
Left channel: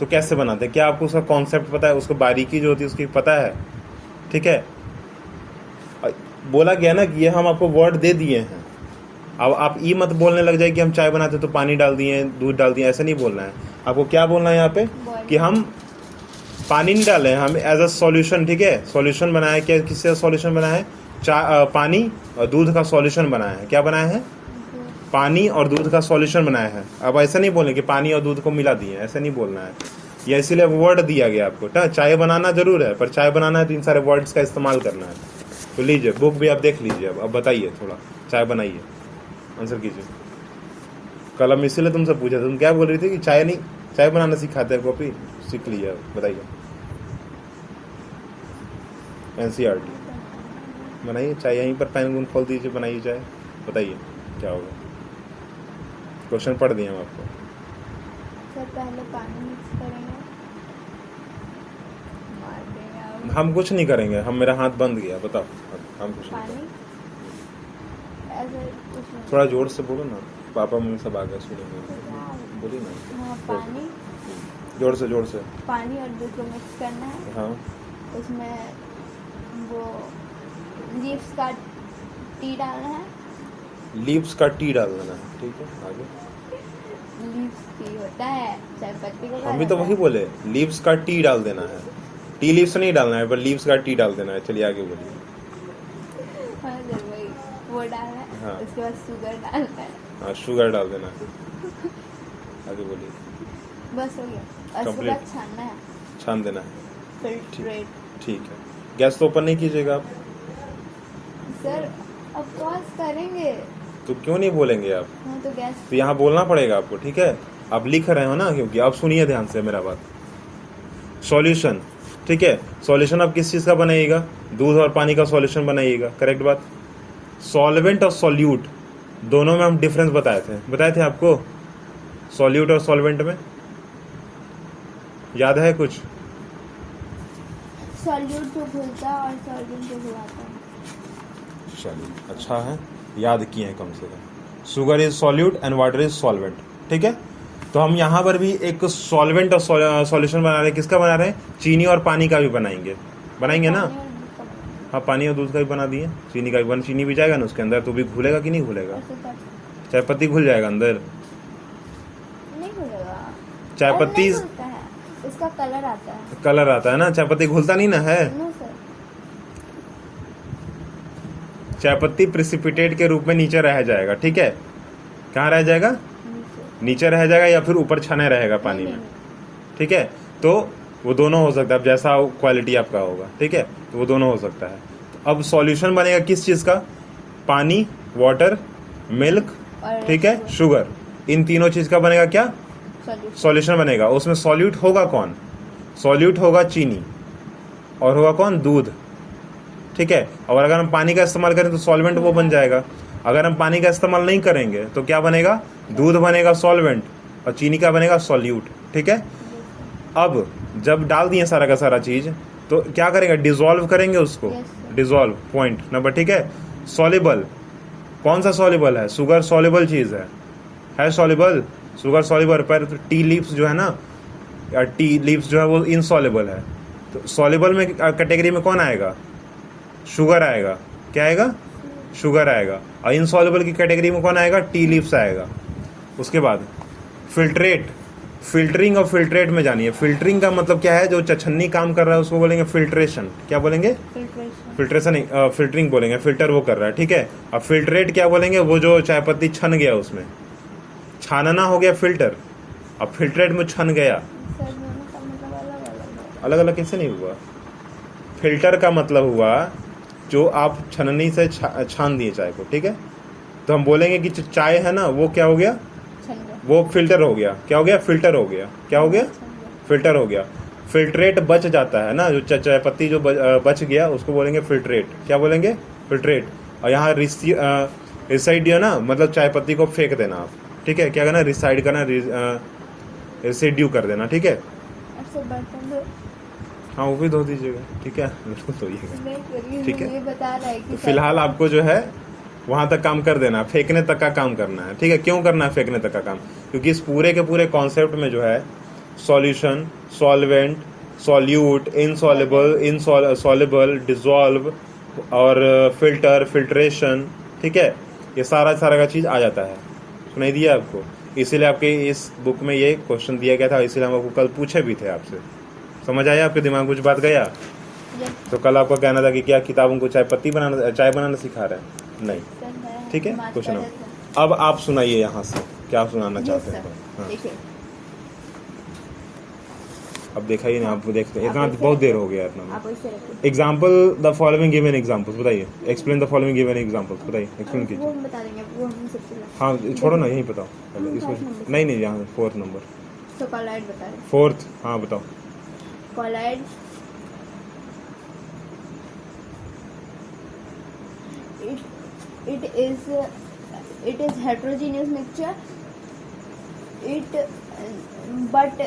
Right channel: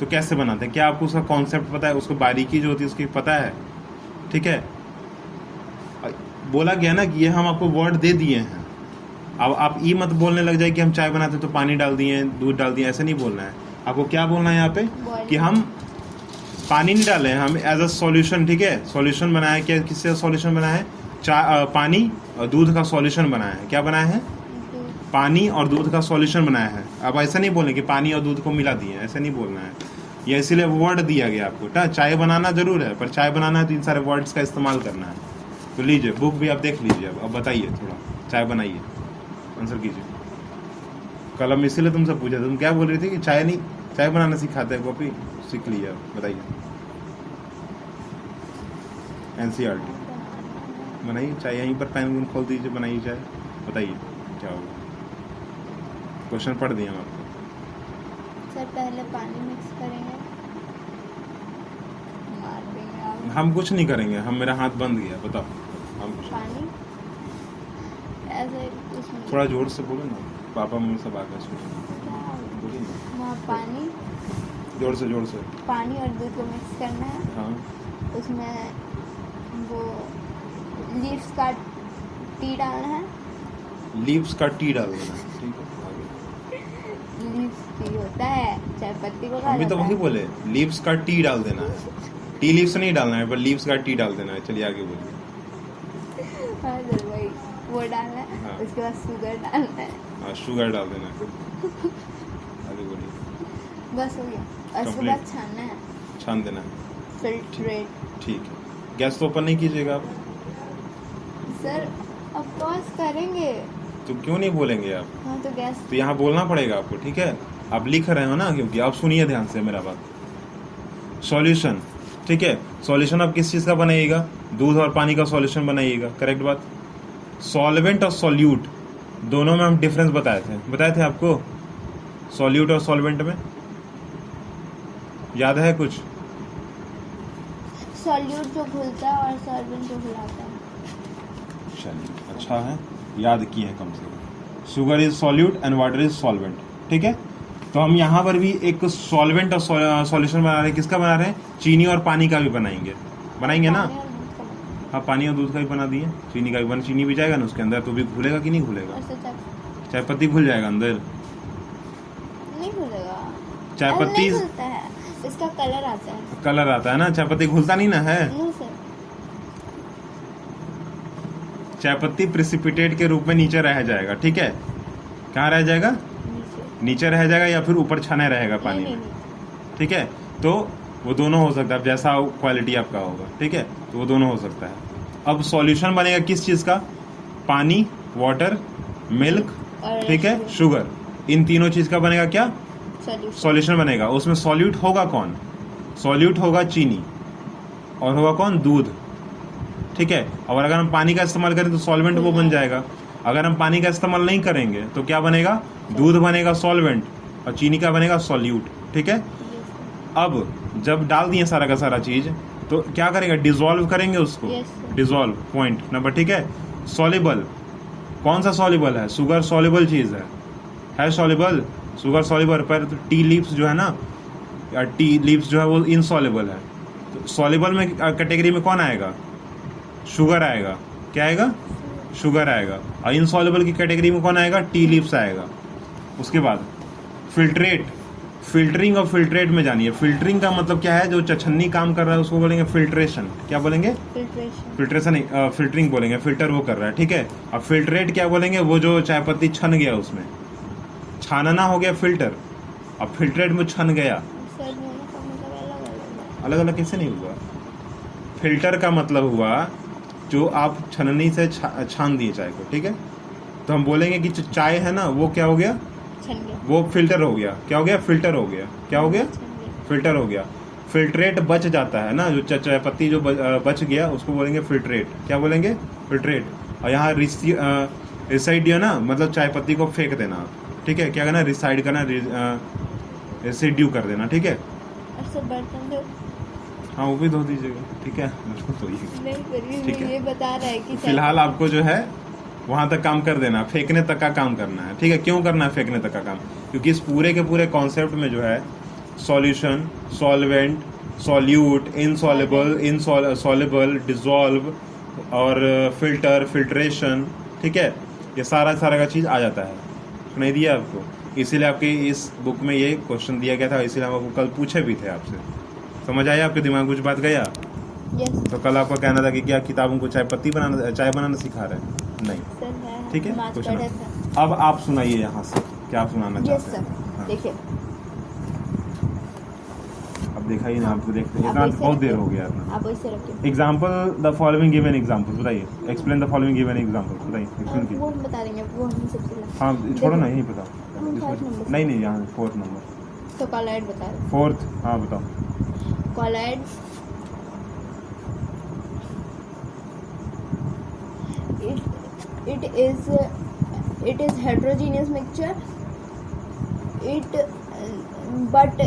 तो कैसे बनाते हैं, क्या आपको उसका कॉन्सेप्ट पता है, उसको बारीकी जो होती है उसकी पता है, ठीक है। बोला गया ना कि ये हम आपको वर्ड दे दिए हैं, अब आप ये मत बोलने लग जाए कि हम चाय बनाते तो पानी डाल दिए, दूध डाल दिए, ऐसा नहीं बोलना है आपको। क्या बोलना है यहाँ पे कि हम पानी नहीं डाले हैं, हम एज अ सॉल्यूशन, ठीक है, सॉल्यूशन बनाया। क्या किससे सॉल्यूशन बनाया है? पानी और दूध का सॉल्यूशन बनाया है। क्या बनाया है? पानी और दूध का सॉल्यूशन बनाया है। अब ऐसा नहीं बोलना कि पानी और दूध को मिला दिए, ऐसा नहीं बोलना है, ये इसीलिए वर्ड दिया गया आपको। चाय बनाना जरूर है, पर चाय बनाना है तो इन सारे वर्ड्स का इस्तेमाल करना है। तो लीजिए बुक भी आप देख लीजिए, अब बताइए, थोड़ा चाय बनाइए, आंसर कीजिए। कल हम इसीलिए तुमसे पूछा था, तुम क्या बोल रही थी कि चाय नहीं, चाय बनाना सिखाते हैं, कॉपी सीख लिया, बताइए। NCERT बनाइए चाय, यहीं पर पेन खोल दीजिए, बनाइए चाय, बताइए क्या होगा। क्वेश्चन पढ़ दिए हम आपको। सर पहले पानी मिक्स करेंगे, मार देंगे आप। हम कुछ नहीं करेंगे, हम, मेरा हाथ बंद गया, बताओ हम कुछ नहीं पानी ऐसे इसमें थोड़ा जोर से बोलो ना, पापा मम्मी सब आ गए सुनेंगे, बोलिए ना। हाँ, पानी, जोर से पानी और दूध को मिक्स करना है। हाँ, उसमें वो लीव्स का टी डालना है। लीव्स का टी डाल देना, ठीक है, आगे। लीव्स टी होता है, चाय पत्ती को हम भी तो वही बोले, लीव्स का टी डाल देना है, टी लीव्स नहीं डालना है, पर लीव्स का टी डाल देना है। चलिए आगे बोलिए। हाँ सर वही, वो डालना है। हाँ। उसके बाद शुगर डालना है। हाँ, शुगर डाल देना है, आगे बोलिए। बस हो गया, और उसके बाद छानना है, छान देना है, फिल्ट्रेट। ठीक है। गैस तो ओपन नहीं कीजिएगा आप। सर अब पॉज करेंगे तो क्यों नहीं बोलेंगे आप? हाँ तो गैस, तो यहाँ बोलना पड़ेगा आपको, ठीक है। आप लिख रहे हो ना, क्योंकि आप सुनिए ध्यान से मेरा बात। सॉल्यूशन, ठीक है, सॉल्यूशन आप किस चीज़ का बनाइएगा? दूध और पानी का सॉल्यूशन बनाइएगा, करेक्ट बात। सॉल्वेंट और सॉल्यूट दोनों में हम डिफरेंस बताए थे आपको, सॉल्यूट और सॉल्वेंट में, याद है कुछ? सॉल्यूट जो घुलता है और सॉल्वेंट जो घुलाता है। चलिए अच्छा है, याद किए हैं कम से कम। Sugar is solute and water is solvent, ठीक है। तो हम यहाँ पर भी एक सॉल्वेंट और सॉल्यूशन बना रहे हैं। किसका बना रहे हैं? चीनी और पानी का भी बनाएंगे ना। हाँ, पानी और दूध का भी बना दिए, चीनी का भी चीनी भी जाएगा ना उसके अंदर, तो भी घुलेगा कि नहीं घुलेगा? चाय पत्ती घुल जाएगा अंदर, नहीं घुलेगा, चाय पत्ती। इसका कलर आता है। कलर आता है ना, चाय पत्ती घुलता नहीं ना है। No sir. चाय पत्ती प्रेसिपिटेट के रूप में नीचे रह जाएगा, ठीक है। कहाँ रह जाएगा? नीचे। नीचे रह जाएगा या फिर ऊपर छने रहेगा पानी नहीं, में, ठीक है। तो वो दोनों हो सकता है, अब जैसा क्वालिटी आपका होगा, ठीक है, तो वो दोनों हो सकता है। अब सॉल्यूशन बनेगा किस चीज़ का? पानी, वाटर, मिल्क, और ठीक है, शुगर, इन तीनों चीज़ का बनेगा क्या? सॉल्यूशन। सॉल्यूशन बनेगा। उसमें सॉल्यूट होगा कौन? सॉल्यूट होगा चीनी, और होगा कौन? दूध, ठीक है। और अगर हम पानी का इस्तेमाल करें तो सॉल्वेंट वो बन जाएगा। अगर हम पानी का इस्तेमाल नहीं करेंगे तो क्या बनेगा? दूध बनेगा सॉल्वेंट, और चीनी का बनेगा सॉल्यूट, ठीक है। अब जब डाल दिए सारा का सारा चीज़, तो क्या करेंगे? डिजोल्व करेंगे उसको। Yes, sir. Dissolve, point number, ठीक है। सॉल्युबल, कौन सा सॉल्युबल है? शुगर सॉल्युबल चीज़ है सॉल्युबल, शुगर सॉल्युबल। पर टी लीव्स जो है ना, टी लीव्स जो है वो इनसॉल्युबल है। तो सॉल्युबल में कैटेगरी में कौन आएगा? शुगर आएगा। क्या आएगा? शुगर आएगा। और इनसॉल्युबल की कैटेगरी में कौन आएगा? टी लीव्स आएगा। उसके बाद फिल्ट्रेट, फिल्टरिंग और फिल्ट्रेट में जानिए। फिल्टरिंग का मतलब क्या है? जो छछन्नी काम कर रहा है उसको बोलेंगे फिल्ट्रेशन। क्या बोलेंगे? फिल्ट्रेशन। फिल्ट्रेशन नहीं, फिल्टरिंग बोलेंगे, फिल्टर वो कर रहा है, ठीक है। अब फिल्ट्रेट क्या बोलेंगे? वो जो चाय पत्ती छन गया, उसमें छानना हो गया फिल्टर, अब फिल्ट्रेट में छन गया। सर दोनों का मतलब अलग अलग है। अलग अलग कैसे नहीं हुआ? फिल्टर का मतलब हुआ जो आप छननी से छान दिए चाय को, ठीक है। तो हम बोलेंगे कि जो चाय है ना वो क्या हो गया? छन गया। वो फिल्टर हो गया। क्या हो गया? फिल्टर हो गया। क्या हो गया? छन गया। फिल्टर हो गया। फिल्ट्रेट बच जाता है ना, जो चाय पत्ती जो बच गया उसको बोलेंगे फिल्ट्रेट। क्या बोलेंगे? फिल्ट्रेट। और यहाँ रिसाइड दिया ना, मतलब चाय पत्ती को फेंक देना आप, ठीक है। क्या करना? रिसाइड करना, रेसिड्यू कर देना, ठीक है। और सर बर्तन दो। हाँ, वो भी धो दीजिएगा, ठीक है, उसको धोइएगा। नहीं करिए, ठीक है। ये बता रहा है कि फिलहाल आपको जो है वहाँ तक काम कर देना, फेंकने तक का काम करना है, ठीक है। क्यों करना है फेंकने तक का काम? क्योंकि इस पूरे के पूरे कॉन्सेप्ट में जो है solution, solvent, solute, insoluble, soluble, dissolve और फिल्टर, फिल्ट्रेशन, ठीक है, ये सारा का चीज़ आ जाता है। सुनाई दिया आपको? इसीलिए आपके इस बुक में ये क्वेश्चन दिया गया था, इसीलिए हम आपको कल पूछे भी थे आपसे। समझ आया आपके दिमाग में कुछ बात गया? Yes, तो कल आपका कहना था कि क्या किताबों को चाय बनाना सिखा रहे हैं? नहीं, सर है। ठीक है। मार्च क्वेश्चन पढ़े थे। अब आप सुनाइए यहाँ से, क्या आप सुनाना Yes, चाहते sir. हैं? हाँ। देखिए अब देखा ही नहीं, आपको देखते हैं आप इतना ऐसे बहुत देर रखिए। हो गया इतना। आप वैसे रखिए। Example the following given examples, बताइए। Explain the following given examples, बताइए, एक्सप्लेन वो कीजिए। हम बता देंगे, वो हम सबसे हाँ, छोड़ो ना, यही बताओ पहले हम इसमें। first number से। नहीं, यहाँ 4th नंबर, तो कॉलाइड बता रहे 4th, हाँ बताओ। Colloid it is heterogeneous mixture, but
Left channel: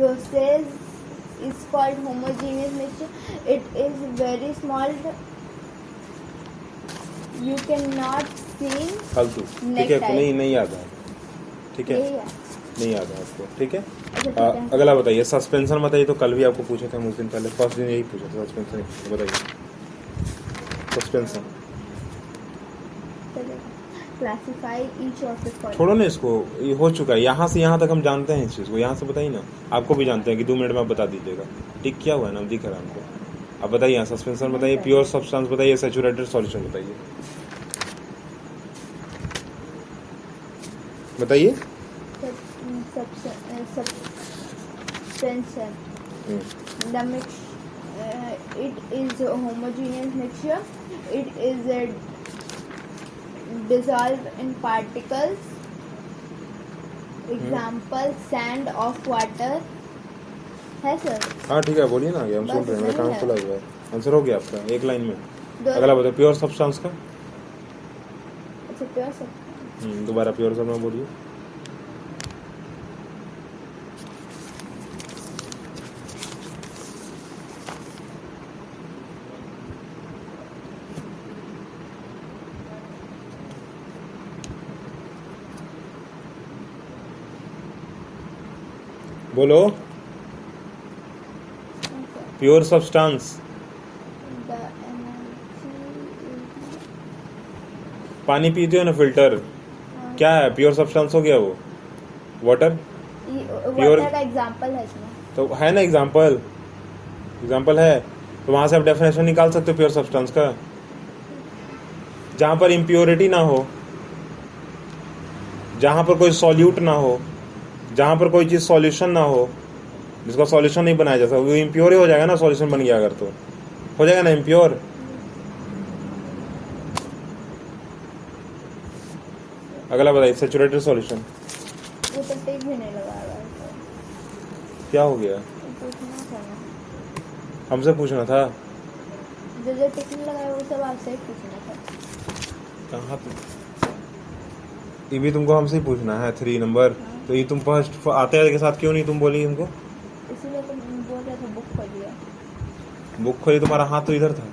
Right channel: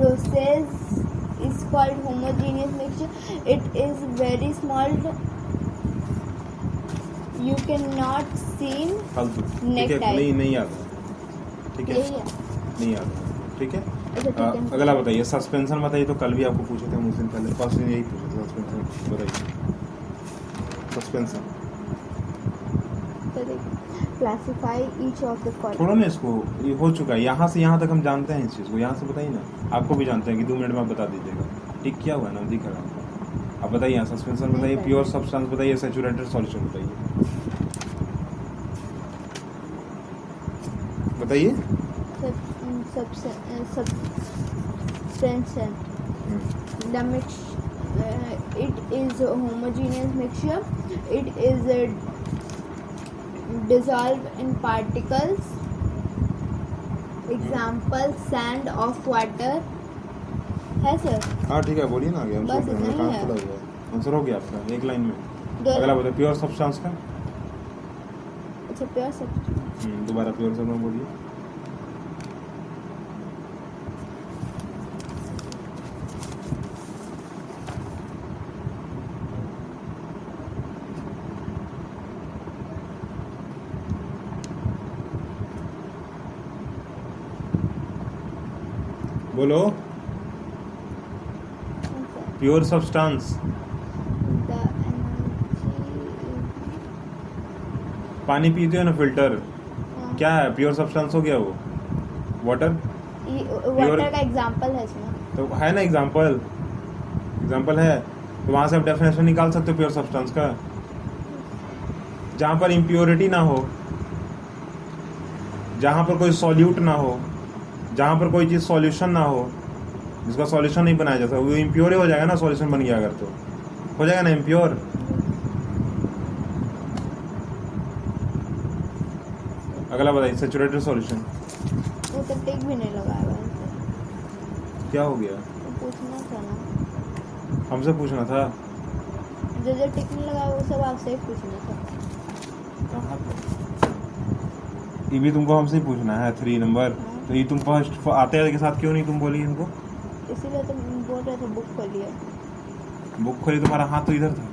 process is called homogeneous mixture. It is very small, you cannot see फालतू, ठीक है, नहीं याद है, ठीक है, नहीं याद है आपको, ठीक है। अगला बताइए, सस्पेंशन बताइए। तो कल भी आपको पूछे थे हम उस दिन पहले, फर्स्ट दिन यही पूछा था, सस्पेंशन बताइए। Suspension classify each of the following. छोड़ो ना इसको, ये हो चुका है। यहाँ से यहाँ तक हम जानते हैं इस चीज़ को, यहाँ से बताइए ना। आपको भी जानते हैं कि 2 मिनट में आप बता दीजिएगा। ठीक किया हुआ है ना, दिख रहा है आपको। अब बताइए, सस्पेंशन बताइए, प्योर सब्सटेंस बताइए, सैचुरेटेड सॉल्यूशन बताइए, बताइए। Suspension. The mix. It is a homogeneous mixture. It is dissolved in particles. Example: sand of water. है सर? हाँ ठीक है, बोलिए ना, आगे हम सुन रहे हैं। कहाँ खुला हुआ है? आंसर हो गया आपका, एक लाइन में। अगला बताओ, प्योर सब्सटेंस का। अच्छा, प्योर सब्सटेंस। दोबारा प्योर सब में बोलिए। बोलो, प्योर सब्सटेंस। पानी पीते हो ना, फिल्टर, क्या है? प्योर सब्सटेंस हो गया वो, वाटर। वाटर का एग्जांपल है इसमें। तो है ना एग्जाम्पल है, तो वहां से आप डेफिनेशन निकाल सकते हो प्योर सब्सटेंस का। जहां पर इम्प्योरिटी ना हो, जहां पर कोई सॉल्यूट ना हो, जहां पर कोई चीज सॉल्यूशन ना हो, जिसका सॉल्यूशन नहीं बनाया जाता, वो इम्प्योर ही हो जाएगा ना। सॉल्यूशन बन गया अगर तो हो जाएगा ना इम्प्योर। अगला बताइए, सैचुरेटेड सॉल्यूशन। वो तो टिक भी नहीं लगा रहा है। क्या हो गया? पूछना था ना, हमसे पूछना था। जो टिक नहीं लगा वो सब आपसे ही पूछना था। कहाँ था? ये भी तुमको हमसे ही पूछना है 3 नंबर। तो ये तुम फर्स्ट आते के साथ क्यों नहीं तुम बोली इनको? इसीलिए तुम बोल रहे थे बुक खोलिए। बुक खोली, तुम्हारा हाथ तो इधर था।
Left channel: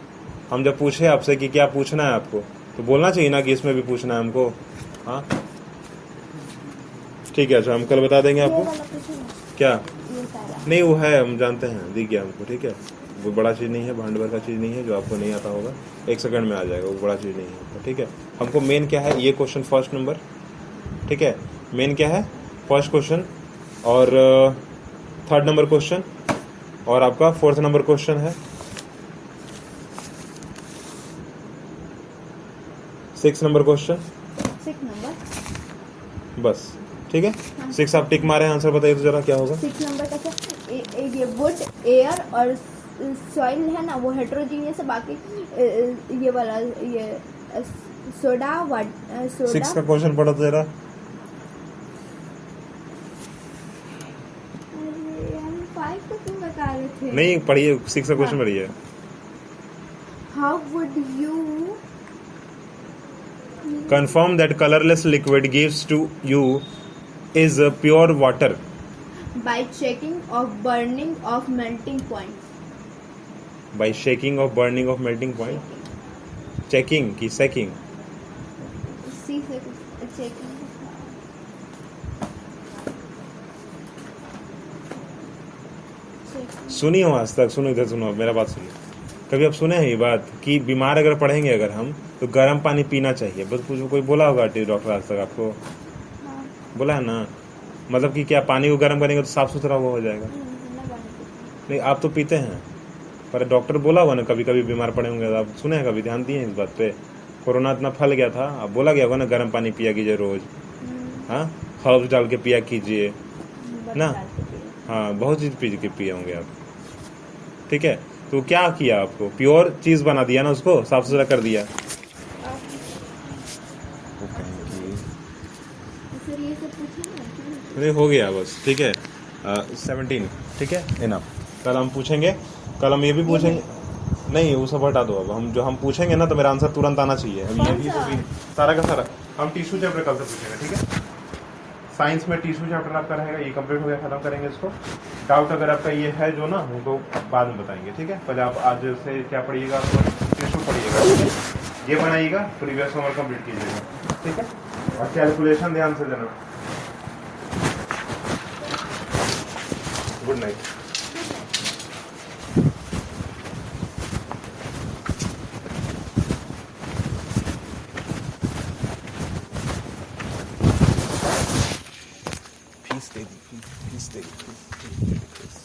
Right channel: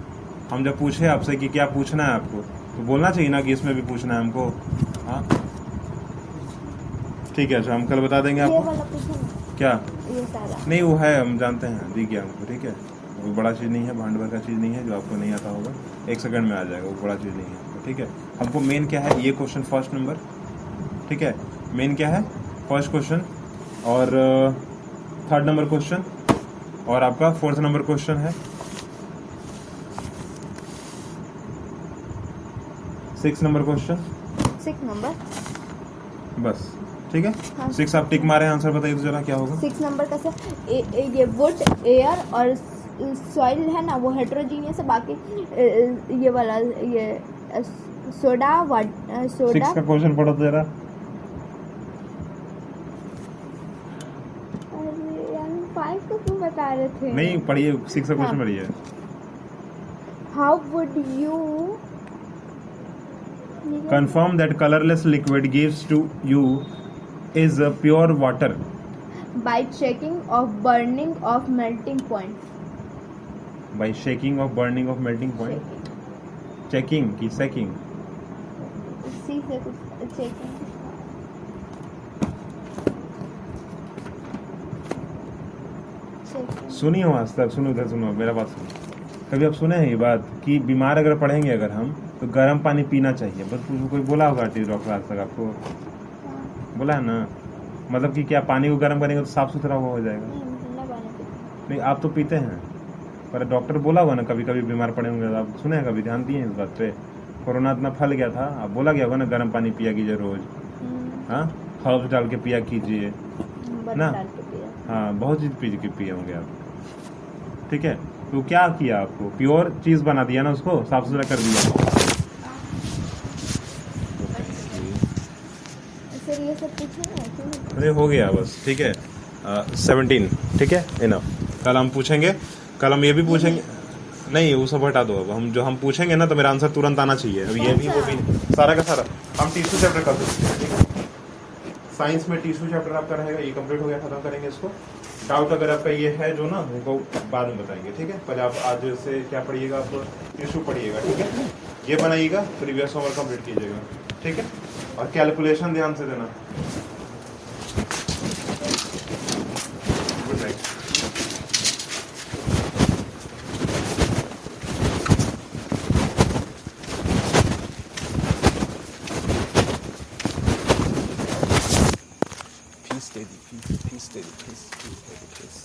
हम जब पूछे आपसे कि क्या पूछना है आपको, तो बोलना चाहिए ना कि इसमें भी पूछना है हमको। हाँ ठीक है, अच्छा हम कल बता देंगे ये आपको। वाला पूछो ना, क्या? ये सारा। नहीं वो है, हम जानते हैं, दिख गया हमको। ठीक है, वो बड़ा चीज़ नहीं है, भांड भर का चीज़ नहीं है जो आपको नहीं आता होगा। 1 सेकंड में आ जाएगा, वो बड़ा चीज़ नहीं है आपको। ठीक है, हमको मेन क्या है, ये क्वेश्चन फर्स्ट नंबर। ठीक है, मेन क्या है, फर्स्ट क्वेश्चन, और 3rd नंबर क्वेश्चन, और आपका 4th नंबर क्वेश्चन है, 6 नंबर क्वेश्चन, 6 नंबर। बस। ठीक है, हाँ। 6 आप टिक मारे, आंसर बताइए तो जरा क्या होगा। 6 नंबर का सर ये वुड, एयर और सॉइल है ना, वो हेट्रोजीनियस है। बाकी ये वाला ये सोडा 6 का क्वेश्चन पढ़ो तो जरा। अरे यार 5 को क्यों बता रहे थे? नहीं पढ़िए, 6 का क्वेश्चन हाँ। पढ़िए। How would you Confirm that colorless liquid gives to you is pure water by checking of burning of melting point? by shaking of burning of melting point. Checking की checking। सी से कुछ चेकिंग। सुनिए आज तक, सुनो इधर सुनो, मेरा बात सुनिए। कभी आप सुने हैं ये बात कि बीमार अगर पड़ेंगे अगर हम, तो गर्म पानी पीना चाहिए? बस कोई बोला होगा डॉक्टर आज तक आपको? बोला है ना? मतलब कि क्या पानी को गर्म करेंगे तो साफ सुथरा वो हो जाएगा? नहीं आप तो पीते हैं, पर डॉक्टर बोला होगा ना कभी कभी बीमार पड़े होंगे, आप सुने हैं कभी, ध्यान दिए इस बात पे? कोरोना इतना फैल गया था, अब बोला गया होगा ना गर्म पानी पिया कीजिए रोज। हाँ, हर्ब्स डाल के पिया कीजिए ना। हाँ, बहुत चीज़ पिए होंगे आप। ठीक है, तो क्या किया आपको, प्योर चीज़ बना दिया ना, उसको साफ सुथरा कर दिया। वो कहें फिर ये सब पूछे ना क्यों? अरे हो गया बस। ठीक है, 17। ठीक है, इनफ। कल हम पूछेंगे, कल हम ये भी पूछेंगे। नहीं वो सब हटा दो, अब हम पूछेंगे ना तो मेरा आंसर तुरंत आना चाहिए। अब ये भी वो भी सारा का सारा हम टिश्यू चैप्टर कर सकते हैं। ठीक है, साइंस में टिश्यू चैप्टर आपका रहेगा, ये कंप्लीट हो गया, खत्म करेंगे इसको। डाउट अगर आपका ये है जो ना, उनको बाद में बताएंगे। ठीक है, पहले आप आज से क्या पढ़िएगा, टिश्यू पढ़िएगा। ठीक है, ये बनाइएगा, प्रीवियस होमवर्क कंप्लीट कीजिएगा। ठीक है, और कैलकुलेशन ध्यान से देना। Good night. फीस दे दी, फीस दे दी, फीस।